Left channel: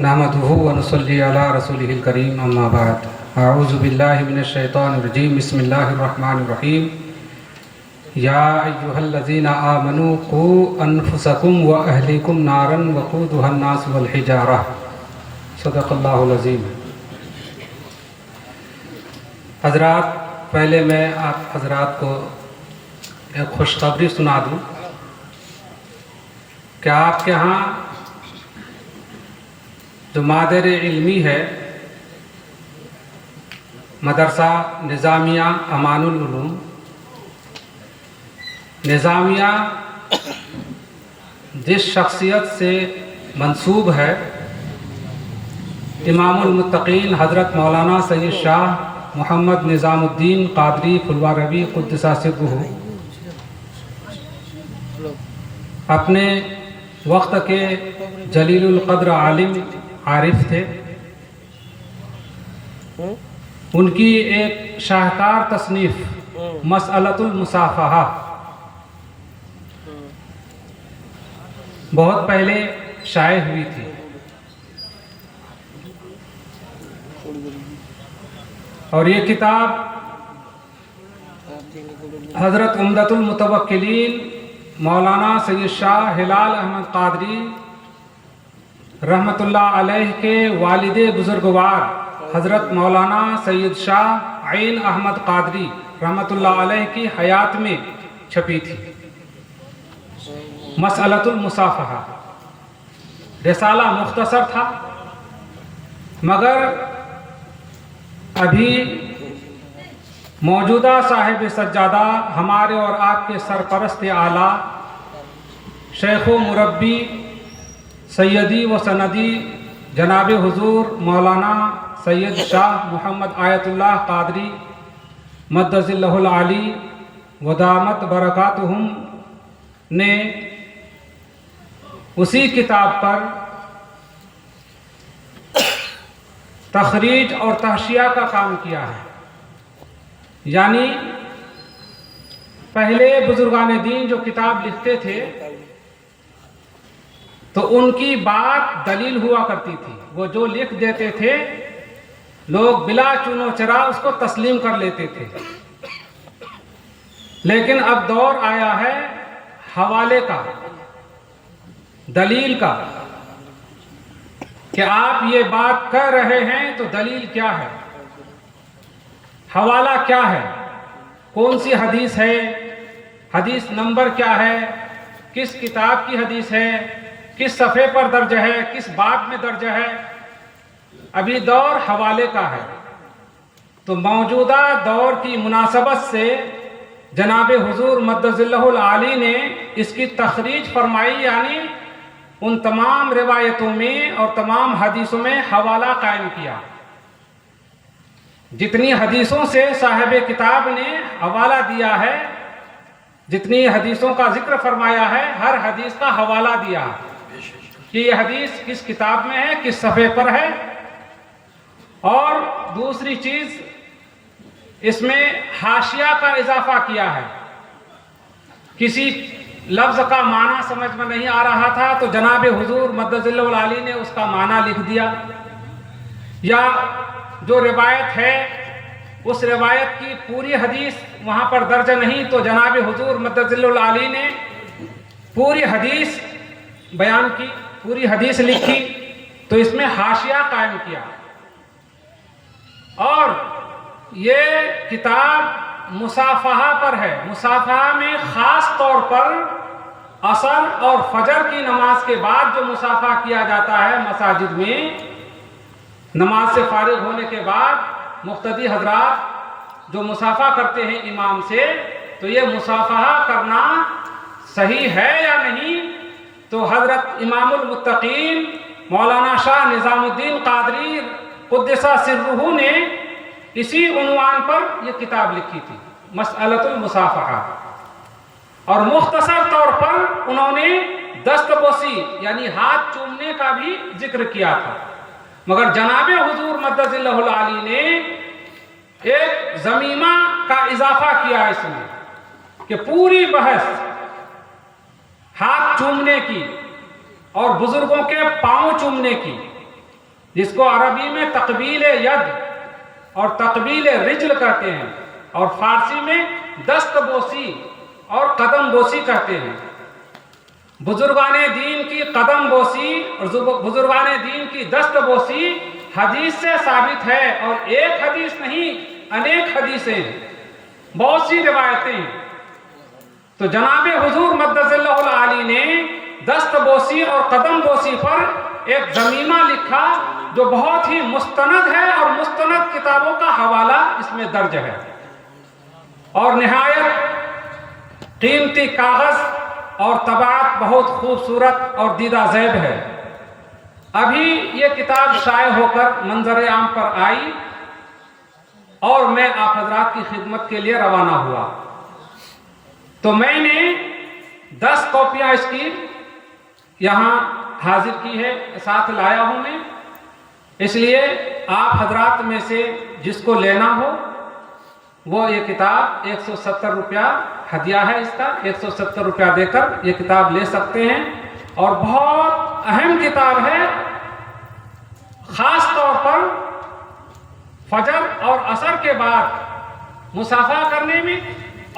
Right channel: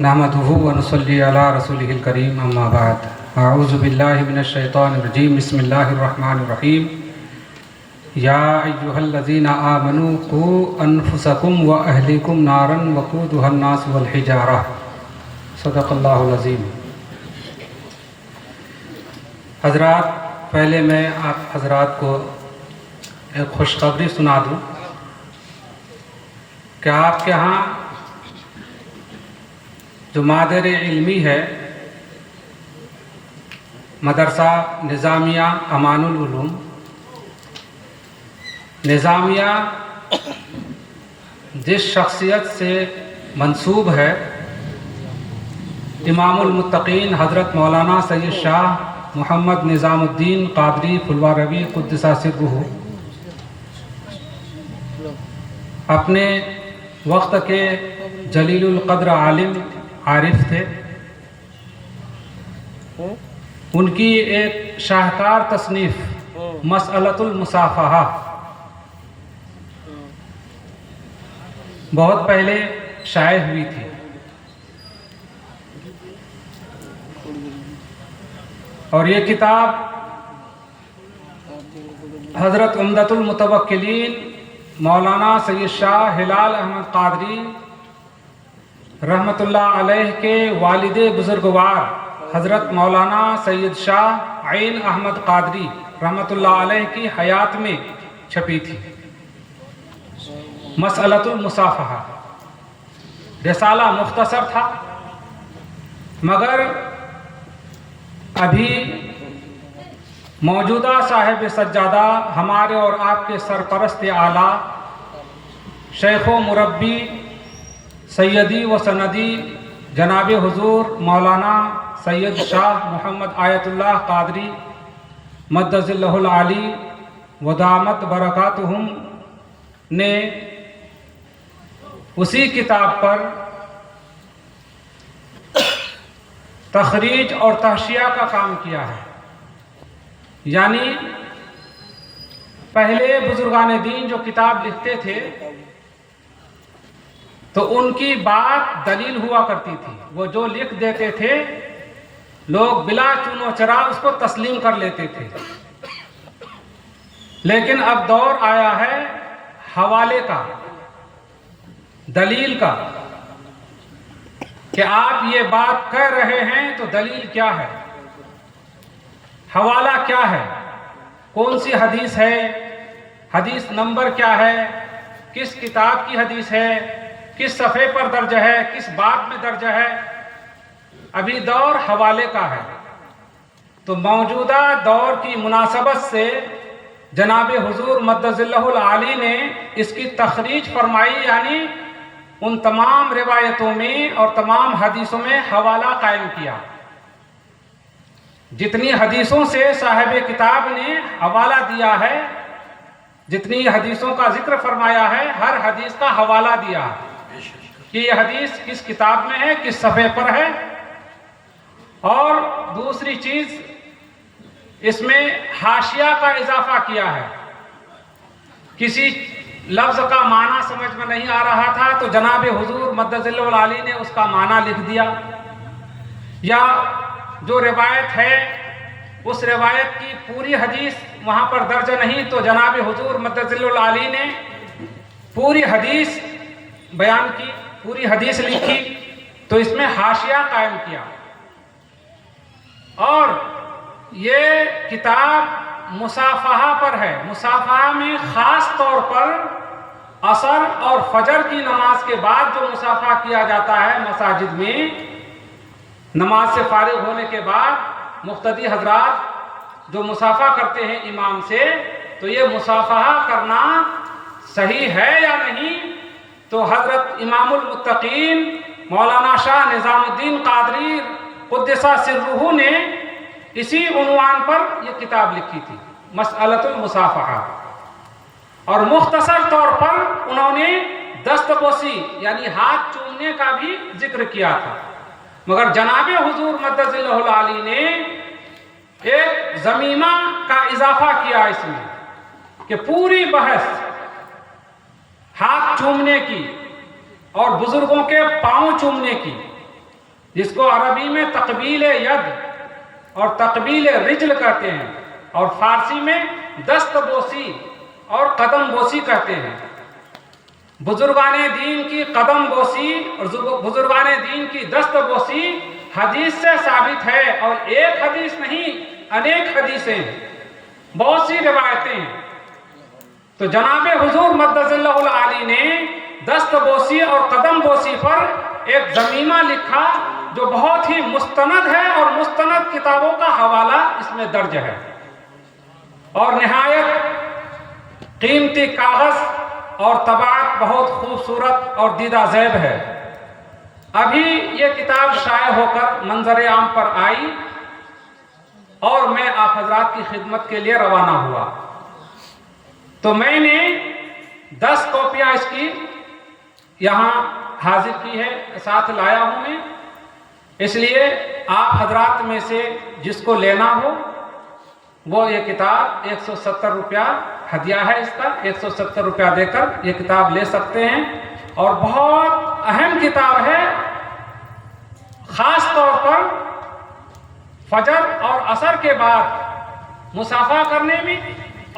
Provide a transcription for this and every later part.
نحمدہ و نصلی علی رسولہ الکریم اما بعد اعوذ باللہ من الشیطان الرجیم بسم اللہ الرحمن الرحیم یا ایہا الذین آمنوا قوا انفسکم و اہلیکم نارا وقودها الناس والحجارہ صدق اللہ العظیم۔ حضرات، پہلے میں آپ حضرات کو ایک خوشخبری سنا دوں کہ آپ کے ہاں جو مادر علمی ہے مدرسہ نظامیہ امان العلوم، نظامیہ جس شخصیت سے منسوب ہے امام المتقین حضرت مولانا سید شاہ محمد نظام الدین قادری پھلواروی قدس سرہ، اپنے وقت کے جلیل القدر عالم عارف تھے۔ ان کی ایک شاہکار تصنیف مسئلۃ المصافحہ بہت پہلے شائع ہوئی تھی، اور یہ کتاب حضرت عمدۃ المتوکلین مولانا سید شاہ ہلال احمد قادری رحمۃ اللہ علیہ کے والد بزرگوار حضرت مولانا سید شاہ عین احمد قادری رحمۃ اللہ علیہ کی حیات میں چھپی تھی۔ مسئلۃ المصافحہ رسالہ مختصر تھا، مگر ابھی موجودہ صاحب سجادہ ہمارے اور آپ کے سرپرست اعلیٰ شیخ و مربی سیدی و سندی جناب حضور مولانا سید شاہ محمد آیت اللہ قادری مدظ اللہ العالی ودامت برکاتہم نے اسی کتاب پر تخریج اور تحشیہ کا کام کیا ہے، یعنی پہلے بزرگان دین جو کتاب لکھتے تھے تو ان کی بات دلیل ہوا کرتی تھی، وہ جو لکھ دیتے تھے لوگ بلا چون و چرا اس کو تسلیم کر لیتے تھے۔ لیکن اب دور آیا ہے حوالے کا، دلیل کا، کہ آپ یہ بات کہہ رہے ہیں تو دلیل کیا ہے، حوالہ کیا ہے، کون سی حدیث ہے، حدیث نمبر کیا ہے، کس کتاب کی حدیث ہے، کس صفحے پر درج ہے، کس باب میں درج ہے۔ ابھی دور حوالے کا ہے، تو موجودہ دور کی مناسبت سے جناب حضور مدظ اللہ العالی نے اس کی تخریج فرمائی، یعنی ان تمام روایتوں میں اور تمام حدیثوں میں حوالہ قائم کیا۔ جتنی حدیثوں سے صاحب کتاب نے حوالہ دیا ہے، جتنی حدیثوں کا ذکر فرمایا ہے، ہر حدیث کا حوالہ دیا ہے کہ یہ حدیث کس کتاب میں ہے، کس صفحے پر ہے۔ اور دوسری چیز، اس میں حاشیہ کا اضافہ کیا ہے۔ کسی لفظ کا معنی سمجھ میں نہیں آ رہا تھا تو جناب حضور مدظ اللہ العالی نے اس کا معنی لکھ دیا، یا جو روایت ہے اس روایت کی پوری حدیث وہاں پر درج نہیں تو جناب حضور مدظ اللہ العالی نے پوری حدیث بیان کی، پوری حدیث لکھی، تو اس میں حاشیہ قائم کیا۔ اور یہ کتاب مصافحہ پر ہے۔ مصافحہ میں خاص طور پر عصر اور فجر کی نماز کے بعد جو مصافحہ کیا جاتا ہے مساجد میں، نماز سے فارغ ہونے کے بعد مقتدی حضرات جو مصافحہ کرتے ہیں امام سے، تو یہ مصافحہ کرنا صحیح ہے یا نہیں؟ تو حضرت امام المتقین مولانا شاہ نظام الدین قادری قدس سرہ نے اسی عنوان پر یہ کتاب لکھی تھی، مسئلۃ المصافحہ، اور مختصر طور پر انہوں نے دست بوسی یعنی ہاتھ چومنے کا بھی ذکر کیا تھا، مگر جناب حضور مدظ اللہ العالی نے ایک ضمیمہ کا اضافہ کیا اس میں کہ پوری بحث ہاتھ چومنے کی اور بزرگوں کے پاؤں چومنے کی، جس کو عربی میں تقبیل ید اور تقبیل رجل کہتے ہیں، اور فارسی میں دست بوسی اور قدم بوسی کہتے ہیں۔ بزرگان دین کی قدم بوسی اور بزرگان دین کی دست بوسی حدیث سے ثابت ہے، اور ایک حدیث نہیں، انیک حدیثیں ہیں، بہت سی روایتیں ہیں۔ تو جناب حضور مدث اللہ العالی نے دست بوسی اور قدم بوسی پر ایک ضمیمہ لکھا جو بہت ہی مستند ہے، اور مستند کتابوں کا حوالہ اس میں درج ہے، اور نہایت قیمتی کاغذ اور طباعت بہت خوبصورت اور دیدہ زیب ہے۔ ابھی یہ کتاب شائع ہو کر منظر عام پر آئی، اور میں آپ حضرات کی خدمت کے لیے روانہ ہوا، تو میں نے 10 کاپیاں اس کی یہاں حاضر کی ہے، ساتھ لایا ہوں میں، اس لیے آپ حضرات میں سے جس کو لینا ہو وہ یہ کتاب 170 روپیہ ہدیہ ہے، اس کا 170 روپیہ دے کر یہ کتاب لے سکتے ہیں، اور بہت اہم کتاب ہے، خاص طور پر فجر اور عصر کے بعد مصافحہ کرنے میں،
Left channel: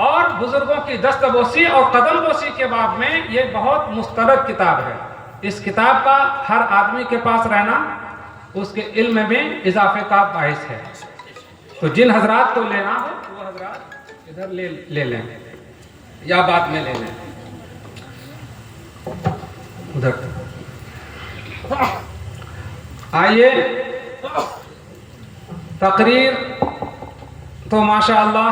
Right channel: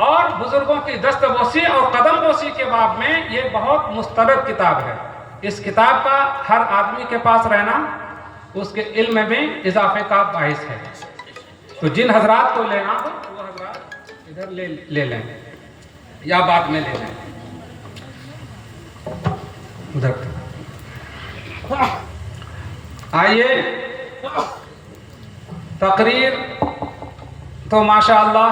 اور بزرگوں کی دست بوسی اور قدم بوسی کے باب میں یہ بہت مستند کتاب ہے۔ اس کتاب کا ہر آدمی کے پاس رہنا اس کے علم میں اضافے کا باعث ہے۔ تو جن حضرات کو لینا ہو وہ حضرات ادھر لے لیں یا بعد میں لے لیں، ادھر۔ آئیے، تقریر تو ماشاءاللہ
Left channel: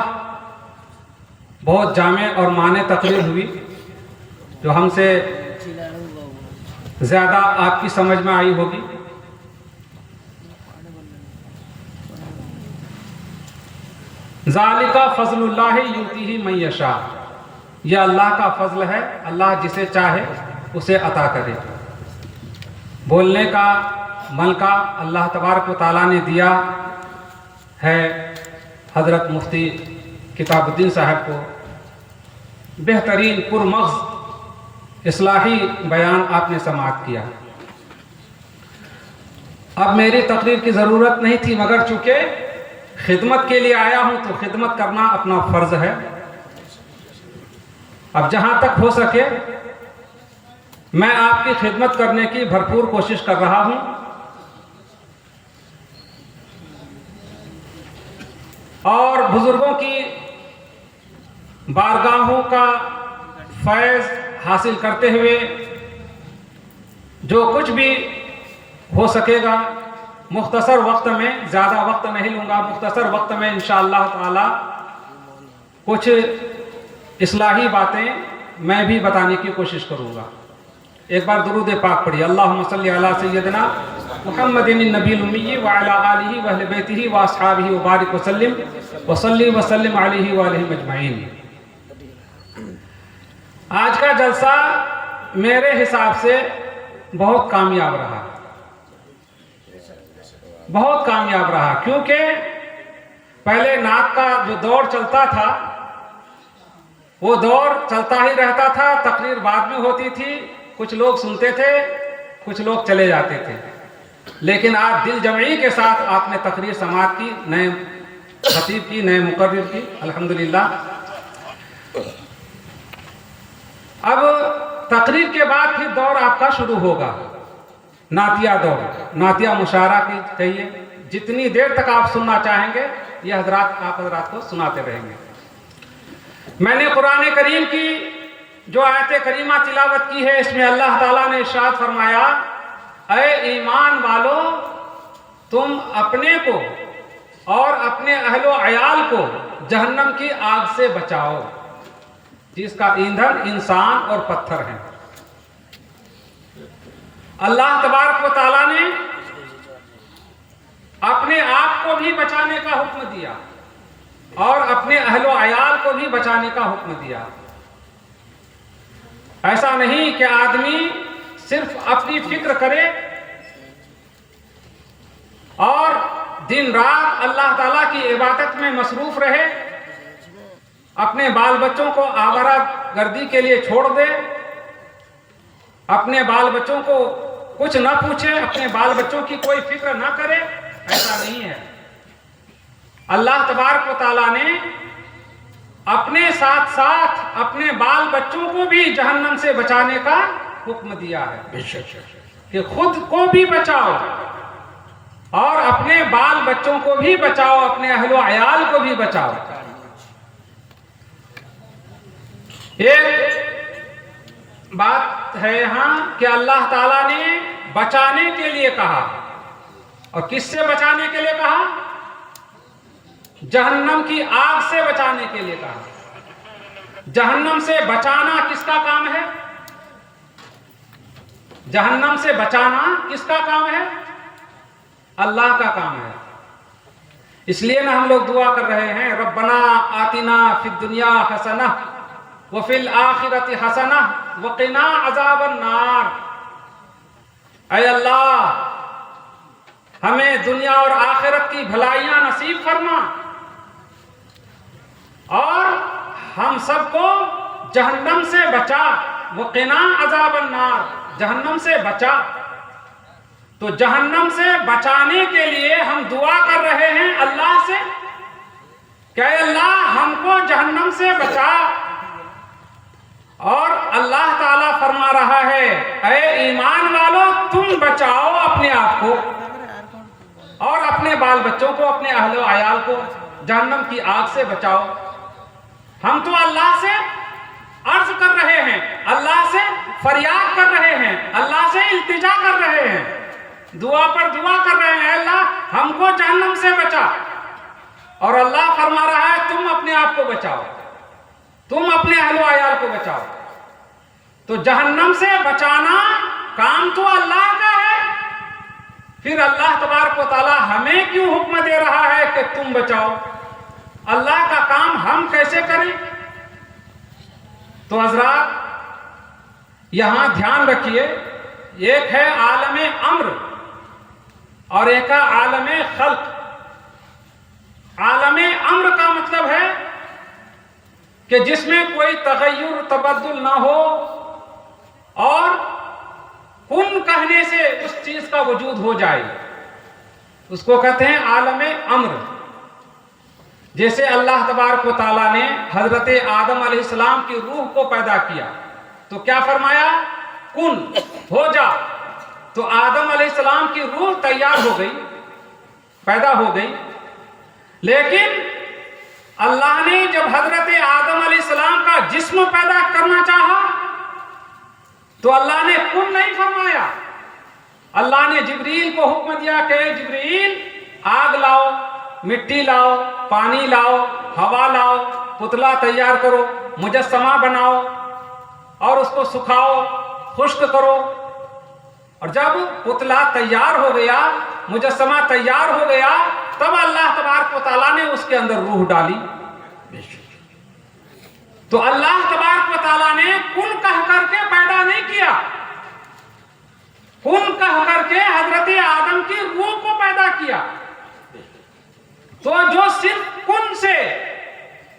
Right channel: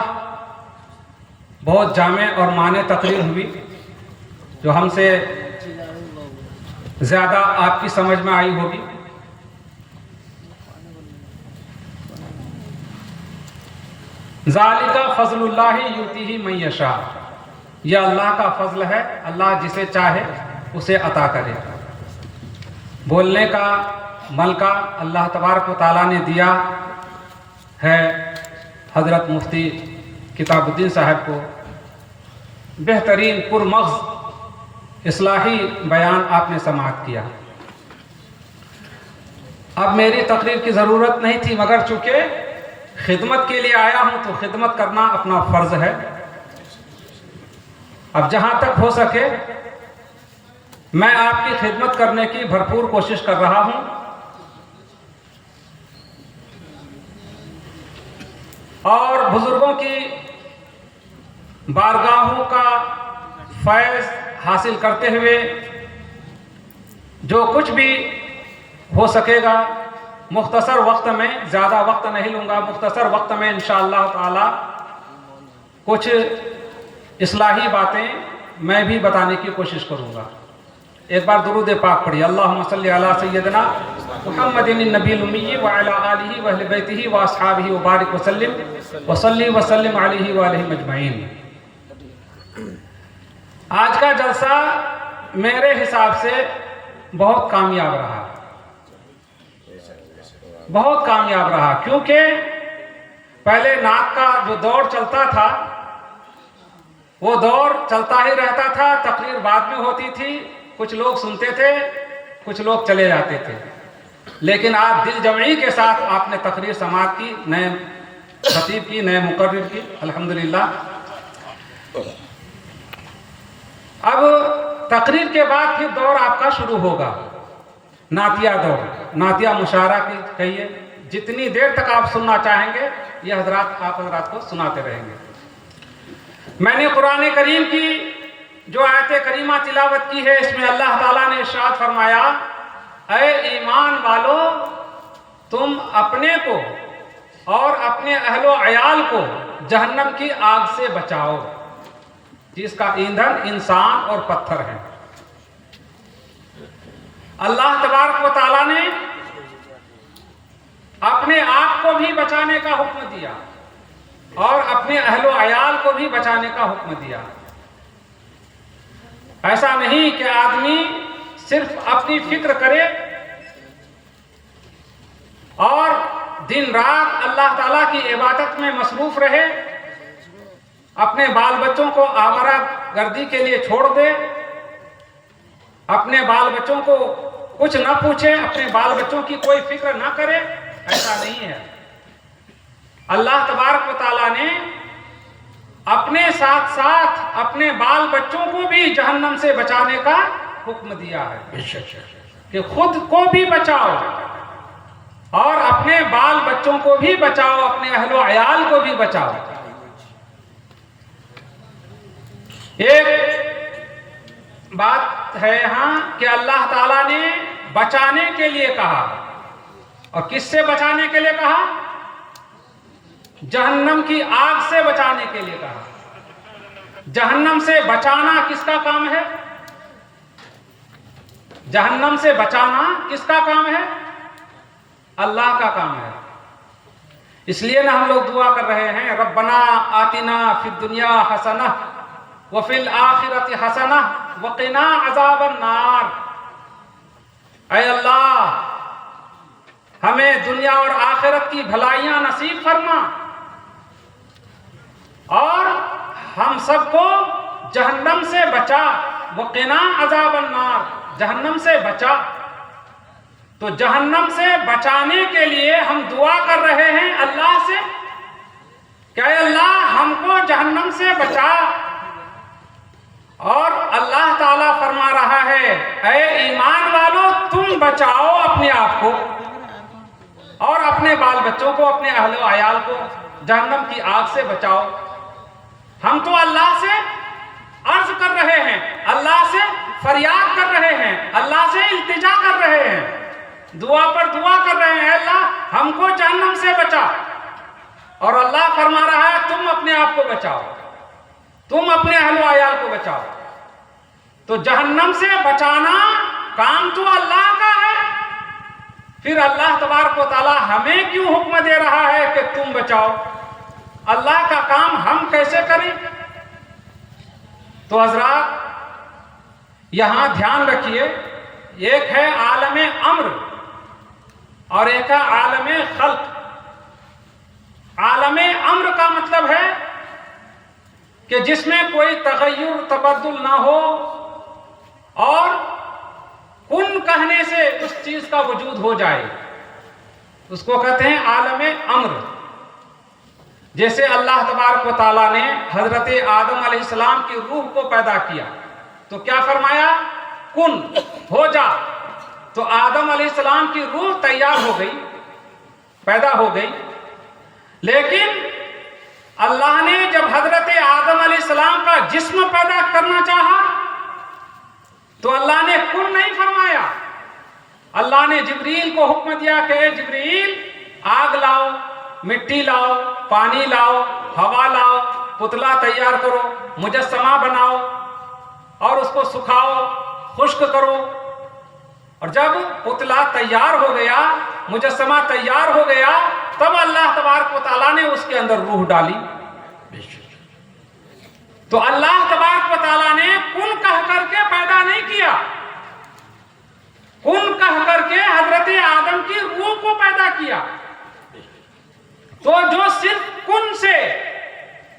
بہت جامع اور معنی تقریر ہوئی، جو ہم سے زیادہ آپ کی سمجھ میں آئی ہوگی۔ ذالک فضل اللہ یؤتیہ من یشاء، یہ اللہ کا فضل ہے، اللہ جسے چاہے اسے عطا کرے۔ بولنے کا ملکہ اللہ تبارک و تعالیٰ نے دیا ہے حضرت مفتی کتاب الدین صاحب کو، بہترین پرمغز اصلاحی بیان آپ نے سماعت کیا۔ اب میری تقریر کی ضرورت نہیں تھی، مگر چونکہ خدمت کے لیے آیا ہوں تو خدمت کرنا اپنا فرض ہے۔ اب جہاں تک ہو سکے میں آپ کی خدمت کرنے کی بھرپور کوشش کر رہا ہوں، اور بزرگوں کی بارگاہوں کا فیض حاصل کرتے ہوئے جو کچھ بھی ہو سکے گا، مختصر وقت میں، زیادہ وقت نہیں لوں گا، مختصر وقت میں انشاءاللہ تعالی کچھ اصلاحی باتیں میں بھی بتانے کی کوشش کروں گا۔ ایک بار درود پاک پڑھیے، اللہم صلی علی سیدنا محمد النبی الامی وعلی آلہ واہل بیتہ واصحابہ وبارک وسلم وصلی وسلم علیہ وآلہ اجمعین۔ آج کا جلسہ میرے حساب سے بہت کامیاب رہا، بہت کامیاب رہا، کیونکہ پہلے نعت کا جو دور چلتا تھا وہ دور چلتا ہی رہتا تھا، تقریر بعد میں ہوتی تھی، کچھ لوگ سنتے تھے، کچھ لوگ چلے جاتے تھے، لیکن آج دل جمعی کے ساتھ آپ نے تقریر سماعت کی، نئے خطیب کی، نئے مقرر کی، الحمدللہ۔ اب تقریر کے بعد پھر دور آپ کا شروع ہوگا، نعتیہ دور، نعتیہ مشاعرہ کی کہیے، جتنی دیر تک آپ سننا چاہیں گے یہ حضرات آپ حضرات کو سناتے رہیں گے۔ میں نے قرآن کریم کی جو آیت کریمہ تلاوت کی ہے، اس میں اللہ تعالیٰ نے ارشاد فرمایا، اے ایمان والو، تم اپنے کو اور اپنے اہل و عیال کو جہنم کی آگ سے بچاؤ، جس کا ایندھن انسان اور پتھر ہے۔ اللہ تبارک و تعالیٰ نے اپنے آپ کو بھی بچانے کا حکم دیا اور اپنے اہل و عیال کو بھی بچانے کا حکم دیا۔ ایسا نہیں کہ آدمی صرف اپنی فکر کرے اور دن رات اللہ تعالیٰ کی عبادت میں مصروف رہے، اپنے بال بچوں کو آوارہ گردی کے لیے چھوڑ دے، اپنے بال بچوں کو کچھ نہ پوچھے، اپنے بال بچوں کی کوئی فکر نہ کرے، ایسا نہیں ہے۔ اللہ تبارک و تعالیٰ نے اپنے ساتھ ساتھ اپنے بال بچوں کو بھی جہنم سے بچانے کا حکم دیا ہے کہ خود کو بھی بچاؤ اور اپنے بال بچوں کو بھی بچاؤ، اپنے اہل و عیال کو بھی بچاؤ۔ ایک بات ہے یہاں کہ اللہ تعالیٰ نے بچانے کے لیے کہا، اور کس سے بچانے کے لیے کہا؟ جہنم کی آگ سے بچانے کے لیے کہا۔ جہنم سے بچانا کس کا کام ہے؟ جہنم سے بچانا کس کا کام ہے؟ اللہ کا کام ہے۔ اس لیے ہم لوگ دعا کر رہے ہیں، ربنا آتنا فی الدنیا حسنہ وفی الآخرۃ حسنہ وقنا عذاب النار۔ اے اللہ، ہمیں دنیا اور آخرت کی بھلائیاں نصیب فرما اور ہم سب کو جہنم سے بچا، وقنا عذاب النار، جہنم سے بچا۔ تو جہنم سے بچانے کے لیے ہم دعا کر رہے ہیں اللہ سے کہ اے اللہ ہم کو جہنم سے بچا، اور اللہ تعالیٰ فرما رہا ہے اے ایمان والو تم بچاؤ اپنے آپ کو اور اپنے بال بچوں کو، اپنے اہل و عیال کو جہنم کی آگ سے بچاؤ۔ ہم تو اللہ سے عرض کر رہے ہیں، اللہ سے فریاد کر رہے ہیں، اللہ سے التجا کر رہے ہیں، دعا پر دعا کر رہے ہیں، اے اللہ ہم کو جہنم سے بچا، اور اللہ فرما رہا ہے تم اپنے آپ کو بچاؤ، تم اپنے اہل و عیال کو بچاؤ۔ تو جہنم سے بچانا کام تو اللہ کا ہے، پھر اللہ تبارک و تعالیٰ ہمیں کیوں حکم دے رہا ہے کہ تم بچاؤ؟ اللہ کا کام ہم کیسے کریں؟ تو حضرات یہاں دھیان رکھیے، ایک ہے عالم امر اور ایک ہے عالم خلق۔ عالم امر کا مطلب ہے کہ جس میں کوئی تغیر تبدل نہ ہو اور کن کہنے سے اس چیز کا وجود ہو جائے، اس کو کہتے ہیں عالم امر۔ جیسے اللہ تبارک و تعالیٰ نے حضرت آدم علیہ السلام کی روح کو پیدا کیا تو کیا فرمایا؟ کن، ہو جا۔ تو آدم علیہ السلام کی روح تیار ہو گئی، پیدا ہو گئی، لیکن اللہ نے جب حضرت آدم علیہ السلام کا جسم پیدا کرنا چاہا تو اللہ نے کن نہیں فرمایا، اللہ نے جبریل کو حکم دیا کہ جبریل آگ لاؤ، مٹی لاؤ، پانی لاؤ، ہوا لاؤ، پتلا تیار کرو، مجسمہ بناؤ اور اس کو سکھاؤ، خشک کرو۔ اور جب پتلا تیار ہو گیا، مجسمہ تیار ہو گیا، تب اللہ تبارک و تعالیٰ نے اس کے اندر روح ڈالی۔ تو اللہ تبارک و تعالیٰ نے کن کہہ کر کے پیدا نہیں کیا، کن کہہ کر کے حضرت آدم کی روح کو پیدا کیا۔ تو جو صرف کن سے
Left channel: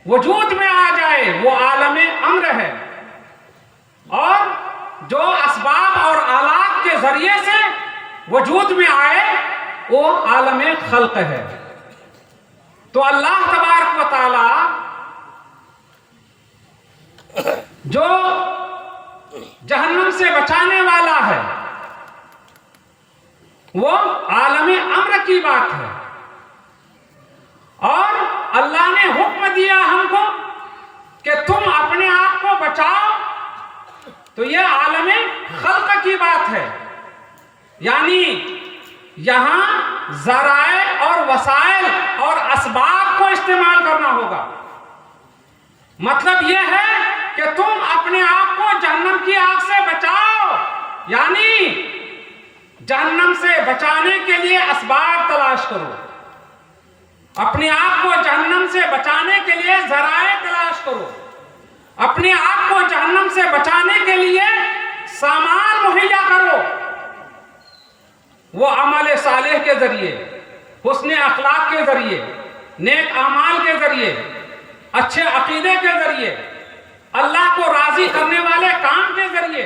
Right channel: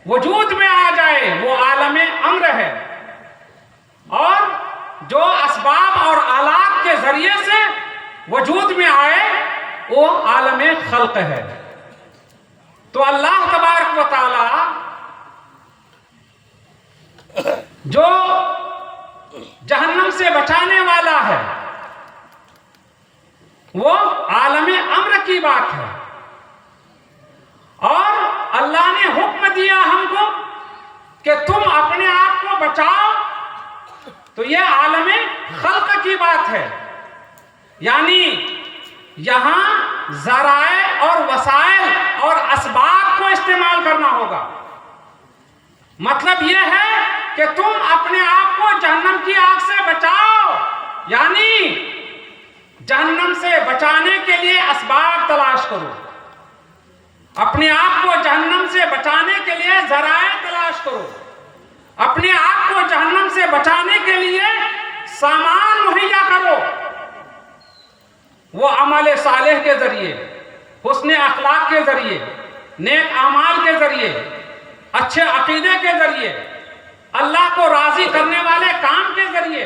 وجود میں آ جائے وہ عالم امر ہے، اور جو اسباب اور آلات کے ذریعے سے وجود میں آئے وہ عالم خلق ہے۔ تو اللہ تبارک و تعالی جو جہنم سے بچانے والا ہے وہ عالم امر کی بات ہے، اور اللہ نے حکم دیا ہم کو کہ تم اپنے آپ کو بچاؤ، تو یہ عالم خلق کی بات ہے۔ یعنی یہاں ذرائع اور وسائل اور اسباب کو استعمال کرنا ہوگا۔ مطلب یہ ہے کہ تم اپنے آپ کو جہنم کی آگ سے بچاؤ، یعنی جہنم سے بچانے کے لیے اسباب تلاش کرو، اپنے آپ کو جہنم سے بچانے کے لیے ذرائع تلاش کرو، اپنے آپ کو جہنم سے بچانے کے لیے سامان مہیا کرو۔ وہ عمل صالح کے ذریعے، حسن اخلاق کے ذریعے، نیک اعمال کے ذریعے، اچھے عقیدے کے ذریعے، اللہ کو راضی کرنے والے کام کے ذریعے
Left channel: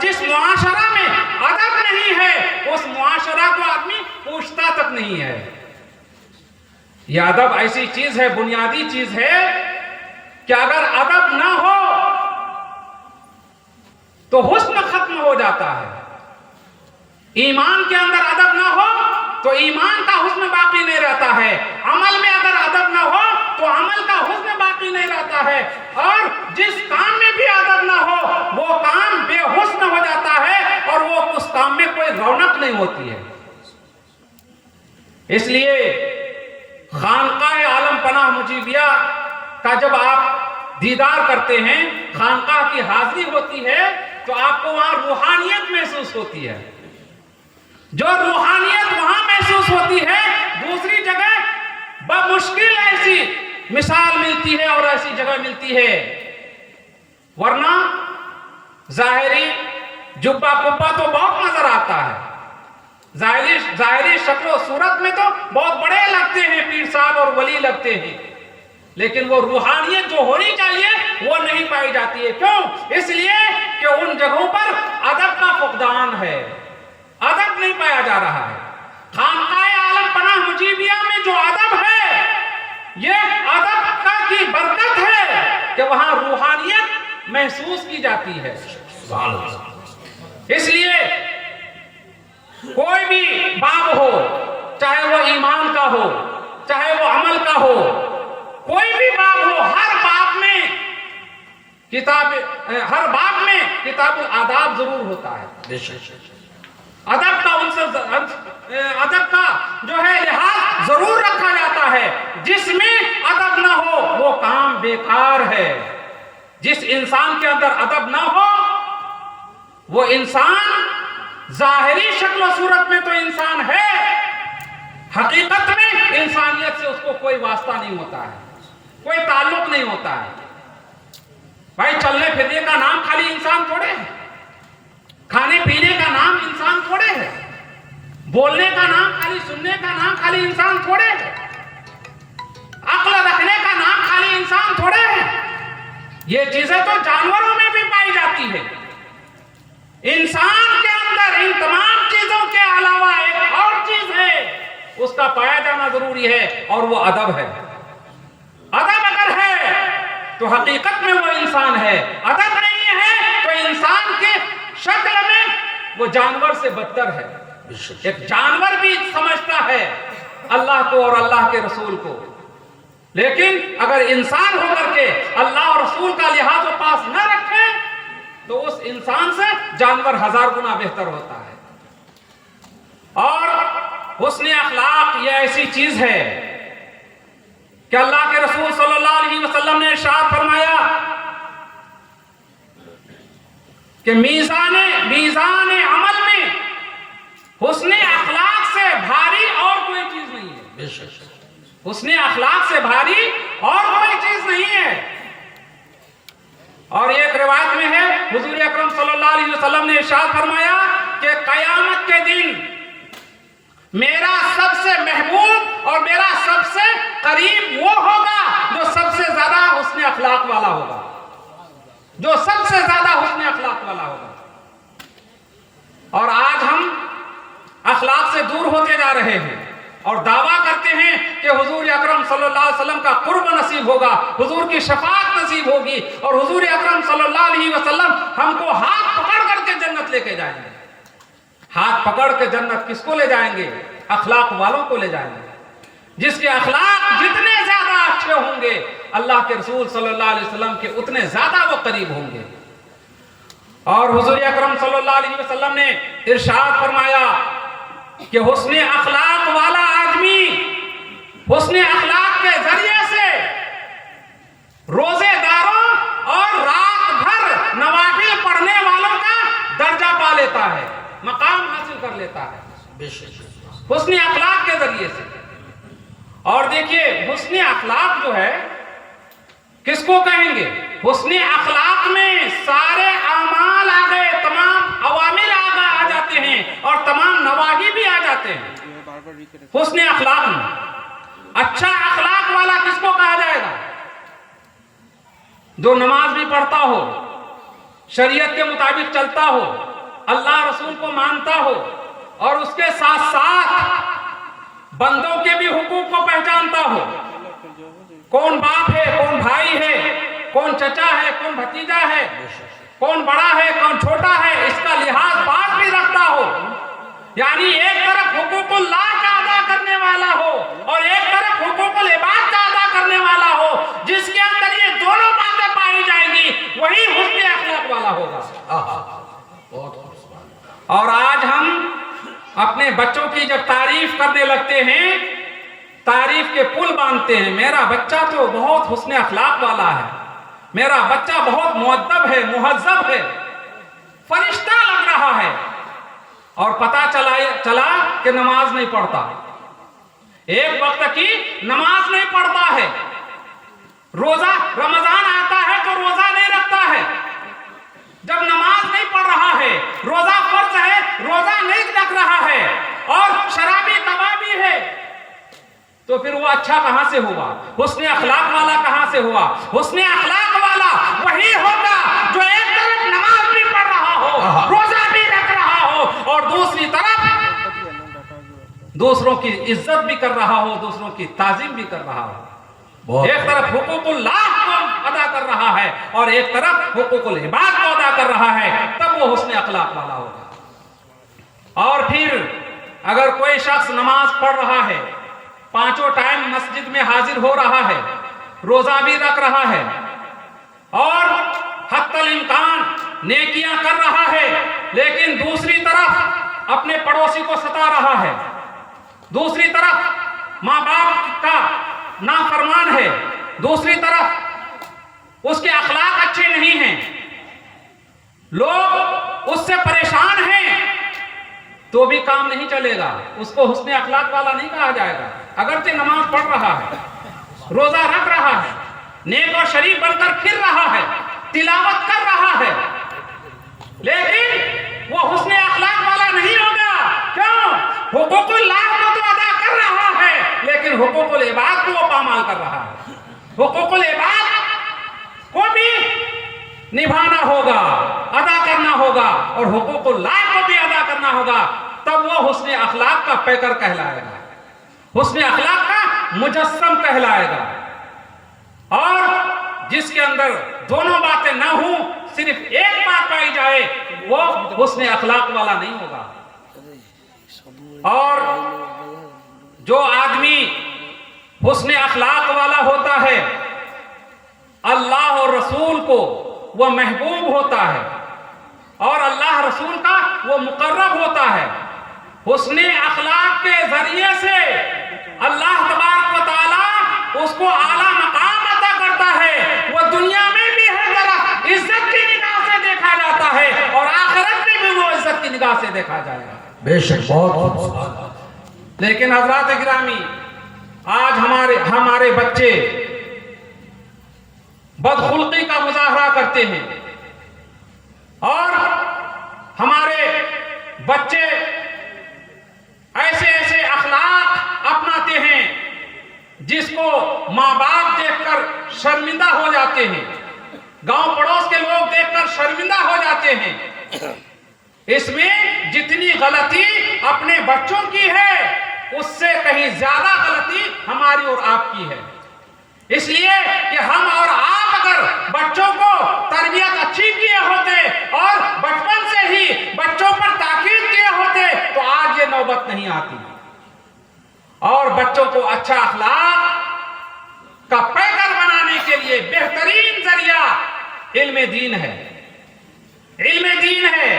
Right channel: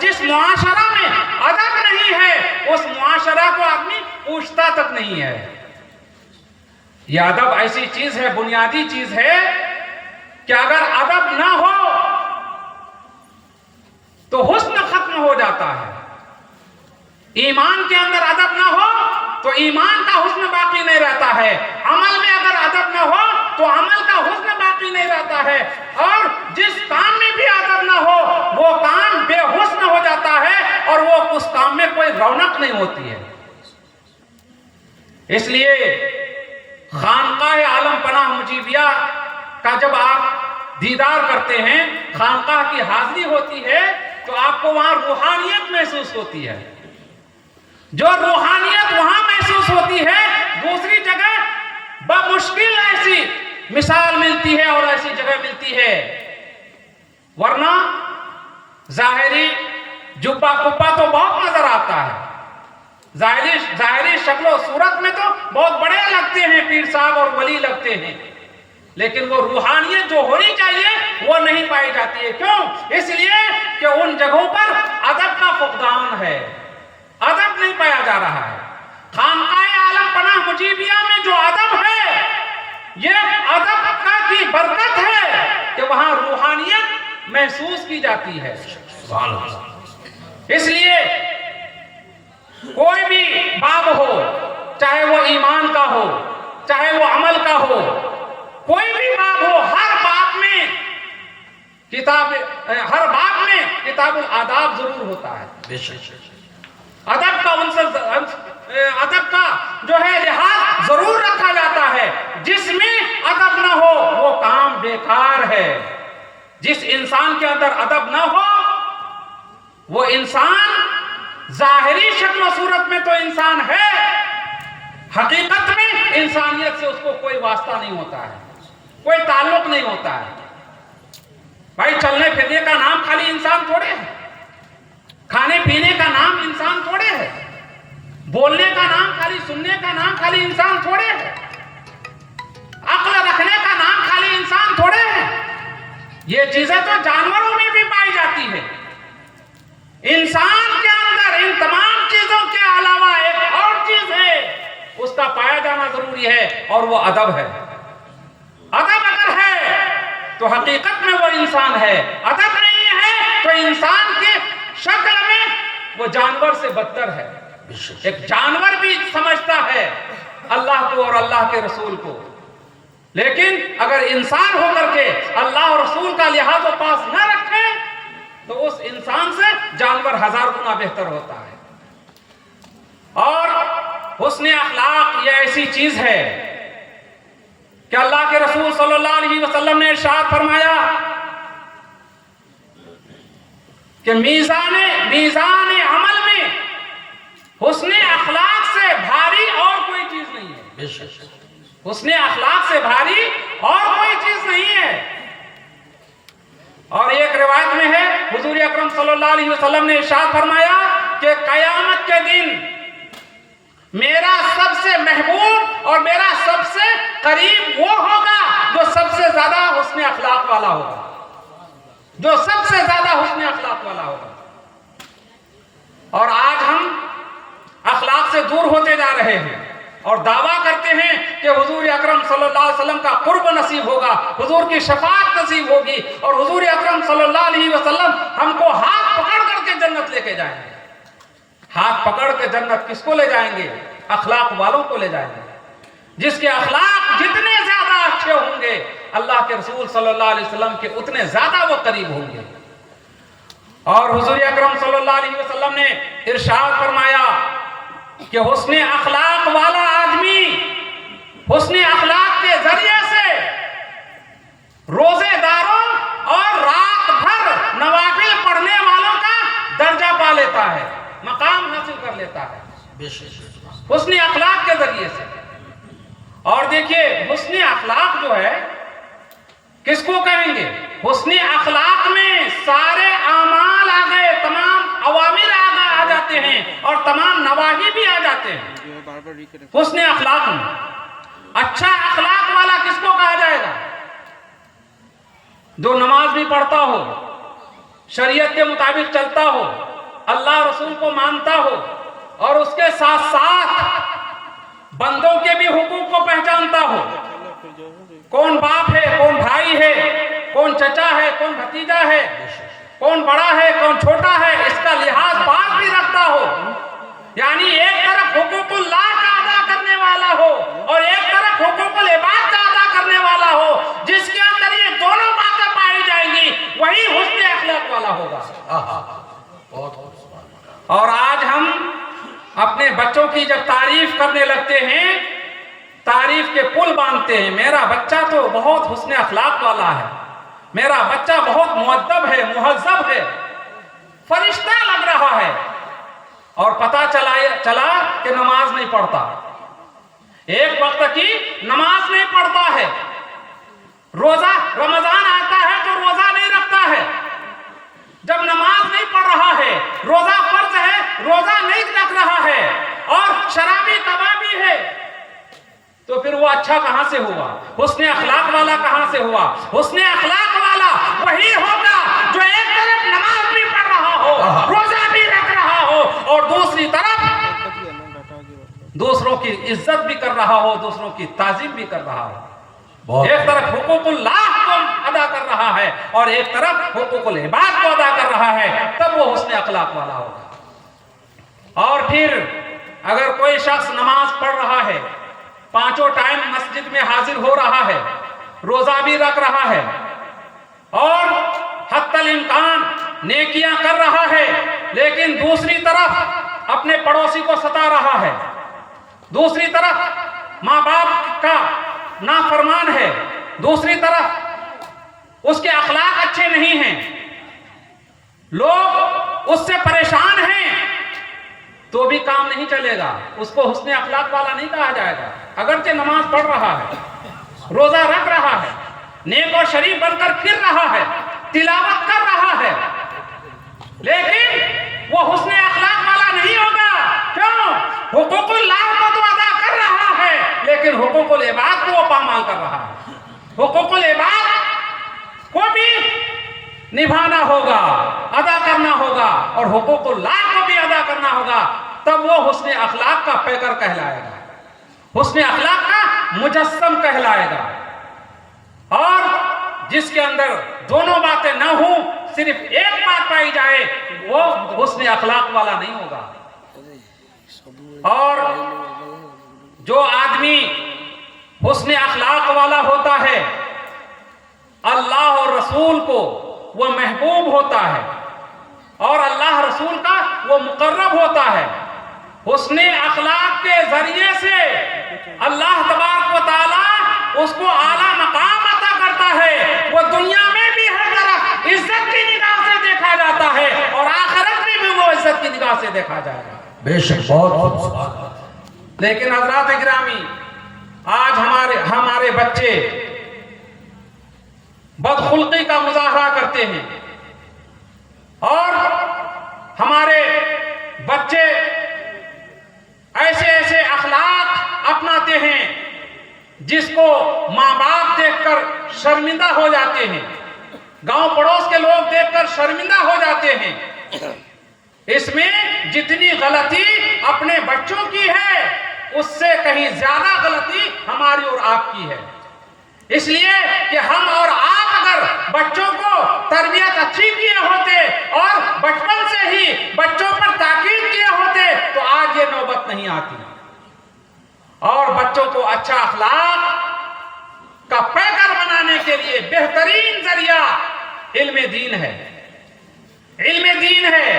جس معاشرہ میں ادب نہیں ہے اس معاشرہ کو آدمی پوچھتا تک نہیں ہے. یہ ادب ایسی چیز ہے, بنیادی چیز ہے کہ اگر ادب نہ ہو تو حسن ختم ہو جاتا ہے. ایمان کے اندر ادب نہ ہو تو ایمان کا حسن باقی نہیں رہتا ہے. عمل میں اگر ادب نہ ہو تو عمل کا حسن باقی نہیں رہتا ہے. اور جس کام میں بھی ادب نہ ہو وہ کام بے حسن ہو جاتا ہے اور وہ اس کام میں کوئی رونق نہیں ہوتی ہے. اس لیے خانقاہ عالم پناہ مجیبیہ کا جب آپ دیدار کرتے ہیں, خانقاہ کی حاضری ہوتی ہے تو آپ کو وہاں روحانیت محسوس ہوتی ہے. جو روحانیت وہاں محسوس ہوتی ہے دوسری جگہ بمشکل ایسی مثال ملتی ہے اور ایسی جگہ ملتی ہے. ورنہ ظاہری جبہ کبہ تو بہت نظر آتا ہے, ظاہری شکل و صورت میں تو بہت بڑے لگتے ہیں, پیر صاحب اور ولی لگتے ہیں, لیکن وہ روحانیت جو ہونی چاہیے وہ نہیں پائی جاتی ہے. کیوں؟ اس لیے کہ ان جگہوں پر ادب کا فقدان ہے, ادب نہیں پایا جا رہا ہے. خانقاہ عالم پناہ مجیبیہ میں جو ادب ہے یہ ادب کا کی برکت ہے کہ وہاں روحانیت محسوس کی جاتی ہے. اس لیے کوئی بھی باب ہو, چاہے وہ ایمان کا ہو چاہے وہ عمل کا ہو, کوئی بھی باب ہو, ہر باب میں کتاب الآداب ضرور ہوتا ہے. ادب کا جو ہے لحاظ ضرور رکھا جاتا ہے. جس میں ادب نہ ہو وہ کام بیکار ہے. جس انسان کے اندر ادب نہ ہو وہ انسان ظاہری شکل و صورت میں تو انسان ہے, حقیقت میں انسانیت سے اس کو کوئی واسطہ نہیں ہوتا ہے, کوئی تعلق نہیں ہوتا ہے. بھائی چلنے پھرنے کا نام خالی انسان تھوڑے ہے, کھانے پینے کا نام انسان تھوڑے ہے, بولنے کا نام خالی, سننے کا نام خالی انسان تھوڑے ہے, عقل رکھنے کا نام خالی انسان تھوڑے ہے. یہ چیزیں تو جانوروں میں بھی پائی جاتی ہے. انسان کے اندر ان تمام چیزوں کے علاوہ ایک اور چیز ہے, اس کا پایا جانا ضروری ہے اور وہ ادب ہے. ادب اگر ہے تو حقیقت میں وہ انسان ہے, ادب نہیں ہے تو انسان کے شکل میں وہ جانور سے بدتر ہے. ایک جانور بھی سمجھتا ہے اللہ کو اور اللہ کے رسول کو, لیکن اگر انسان ہو کر کے اللہ اور رسول کا لحاظ و پاس نہ رکھے تو اس انسان سے جانور 1000 گنا بہتر ہوتا ہے. اور حسن اخلاق یہ ایسی چیز ہے کہ اللہ کے رسول صلی اللہ علیہ وسلم نے ارشاد فرمایا کہ میزان عمل میں حسن اخلاق سے بھاری اور کوئی چیز نہیں ہے. حسن اخلاق سے بھاری اور کوئی چیز نہیں ہے. اور ایک روایت میں ہے حضور اکرم صلی اللہ علیہ وسلم نے ارشاد فرمایا کہ قیامت کے دن میرا سب سے محبوب اور میرا سب سے قریب وہ ہوگا جو سب سے زیادہ حسن اخلاق والا ہوگا, جو سب سے زیادہ حسن اخلاق والا ہوگا. اور آج ہم اخلاق سے دور ہوتے جا رہے ہیں اور دعویٰ کرتے ہیں کہ حضور اکرم صلی اللہ علیہ وسلم کا قرب نصیب ہوگا, حضور کی شفاعت نصیب ہوگی اور حضور اکرم صلی اللہ علیہ وسلم ہم کو ہاتھ پکڑ کر کے جنت لے کے جائیں گے. ہاتھ پکڑ کے جنت کس کو لے جائیں گے؟ اخلاق والوں کو لے جائیں گے. جس کے اخلاق جتنے زیادہ اچھے ہوں گے اللہ کے رسول صلی اللہ علیہ وسلم کے اتنے زیادہ وہ قریب ہوں گے. اور حضور اکرم صلی اللہ علیہ وسلم نے ارشاد فرمایا کہ حسن اخلاق والا آدمی حسن اخلاق کے ذریعے سے روزے داروں اور رات بھر نوافل پڑھنے والوں کا درجہ پا لیتا ہے, مقام حاصل کر لیتا ہے حسن اخلاق کے ذریعے سے. اور دیکھیے حسن اخلاق جو ہے کس کو کہیں گے؟ حسن اخلاق میں سارے اعمال آگے, تمام اوامر آ جاتے ہیں اور تمام نواہی بھی آ جاتے ہیں. حسن اخلاق میں اچھا اخلاق والا کس کو کہا جائے گا؟ جو نماز بھی پڑھتا ہو, شریعت کے مطابق چلتا ہو, اللہ رسول کو مانتا ہو اور اس کے ساتھ ساتھ بندوں کے بھی حقوق کو پہچانتا ہو، کون باپ ہے، کون بھائی ہے، کون چچا ہے، کون بھتیجا ہے، کون بڑا ہے، کون چھوٹا ہے، اس کا لحاظ بات بھی رکھتا ہو، یعنی ایک طرف حقوق اللہ کا ادا کرنے والا ہو اور ایک طرف حقوق العباد کا ادا کرنے والا ہو، جس کے اندر یہ دونوں باتیں پائی جائیں گی وہی حسن اخلاق والا ہوگا۔ اور آج ہم اپنے بچوں کی جب تعریف کرنے لگتے ہیں، تعریف کے پل باندھتے ہیں، میرا بچہ تو بہت حسن اخلاق والا ہے، میرا بچہ بہت مؤدب ہے، مہذب ہے، فرشتہ لگ رہا ہے، اور پتہ چلا کہ نماز نہیں پڑھتا، ایک وقت کی نماز نہیں پڑھتا ہے، روزہ رمضان آتا ہے تو روزہ نہیں رکھتا ہے، جب نماز نہیں پڑھ رہا ہے، روزہ فرض ہے، روزہ نہیں رکھ رہا ہے، اور شرابی کبابی ہے، تو پھر وہ اچھا کہاں سے ہوا؟ حسن اخلاق والا کہاں سے ہوا؟ حسن اخلاق والا وہی ہوگا جو ایک طرف نماز بھی پڑھ رہا ہو، روزہ بھی رکھ رہا ہو، اور دوسری طرف دوسروں کی عزت بھی کر رہا ہو، دوسروں کی تعظیم بھی کر رہا ہو، ایک طرف حقوق اللہ کو ادا کر رہا ہے اور ایک طرف حقوق العباد کو ادا کر رہا ہے، تب وہ حسن اخلاق والا ہوگا۔ اور پھر اگر کوئی شخص نماز پڑھ رہا ہے، پانچوں ٹائم مسجد میں حاضر ہو رہا ہے، روزہ بھی رکھ رہا ہے، اور حتی الامکان نیکیاں کر رہا ہے، لیکن دوسری طرف اپنے پڑوسی کو ستا رہا ہے، دوسری طرف ماں باپ کا نافرمان ہے، دوسری طرف اس کے اخلاق اچھے نہیں ہیں، لوگ اس سے پریشان ہیں، تو بھی کام نہیں چلے گا، اس کو حسن اخلاق والا نہیں کہا جائے گا، اگرچہ نماز پڑھ رہا ہے، روزہ رکھ رہا ہے، نیک اور شریف بن کر پھر رہا ہے، تلاوت کر رہا ہے، لیکن وہ حسن اخلاق والا نہیں ہوگا۔ کیوں؟ حقوق اللہ کو تو ادا کر رہا ہے، لیکن حقوق العباد کو وہ پامال کر رہا ہے، حقوق العباد کو بھی نبھانا ہوگا، ادا کرنا ہوگا، اور حقوق اللہ کو بھی ادا کرنا ہوگا، تب وہ حسن اخلاق کا پیکر کہلائے گا، حسن اخلاق کا مجسم کہلائے گا۔ اور جس کے اندر دونوں باتیں نہ ہوں، صرف ایک بات پائی جائے، وہ حسن اخلاق والا نہیں ہوگا۔ اور جو آدمی حسن اخلاق والا ہوتا ہے، اللہ اور رسول کو وہ محبوب ہوتا ہے، اور اللہ رسول کا وہ مقرب ہوتا ہے، حسن اخلاق کے ذریعے سے اللہ تبارک و تعالی اس کو اعلیٰ مقام عطا کرتا ہے، وہ دنیا میں بھی ہر طرف عزت کی نگاہ سے دیکھا جاتا ہے، اور آخرت میں بھی وہ عزت کی نگاہ سے دیکھا جائے گا۔ بے شک بہت۔ لیکن حضرات گرامی، آج ہمارے بچے بدخلقی کا مظاہرہ کرتے ہیں، اور ہمارے بچے ایسے اخلاق اپناتے ہیں جس کو ماں باپ دیکھ کر شرمندہ ہو جاتے ہیں، گاؤں پڑوس کے لوگ دیکھ کر شرمندہ ہو جاتے ہیں۔ اس میں جتنی غلطی اپنے بچوں کی ہے، اس سے کہیں زیادہ غلطی ہماری اور آپ کی ہے، اس لیے کہ ہم اور آپ اگر بچوں کو تربیت اچھی کیے ہوتے اور بچپن سے ہی بچوں پر تاکید کیے ہوتے تو آج یہ نوبت نہیں آتی۔ اور بچوں کو اچھا اخلاق کا پیکر بنانے کے لیے بہترین ذریعہ علم دین ہے، علم دین ہے۔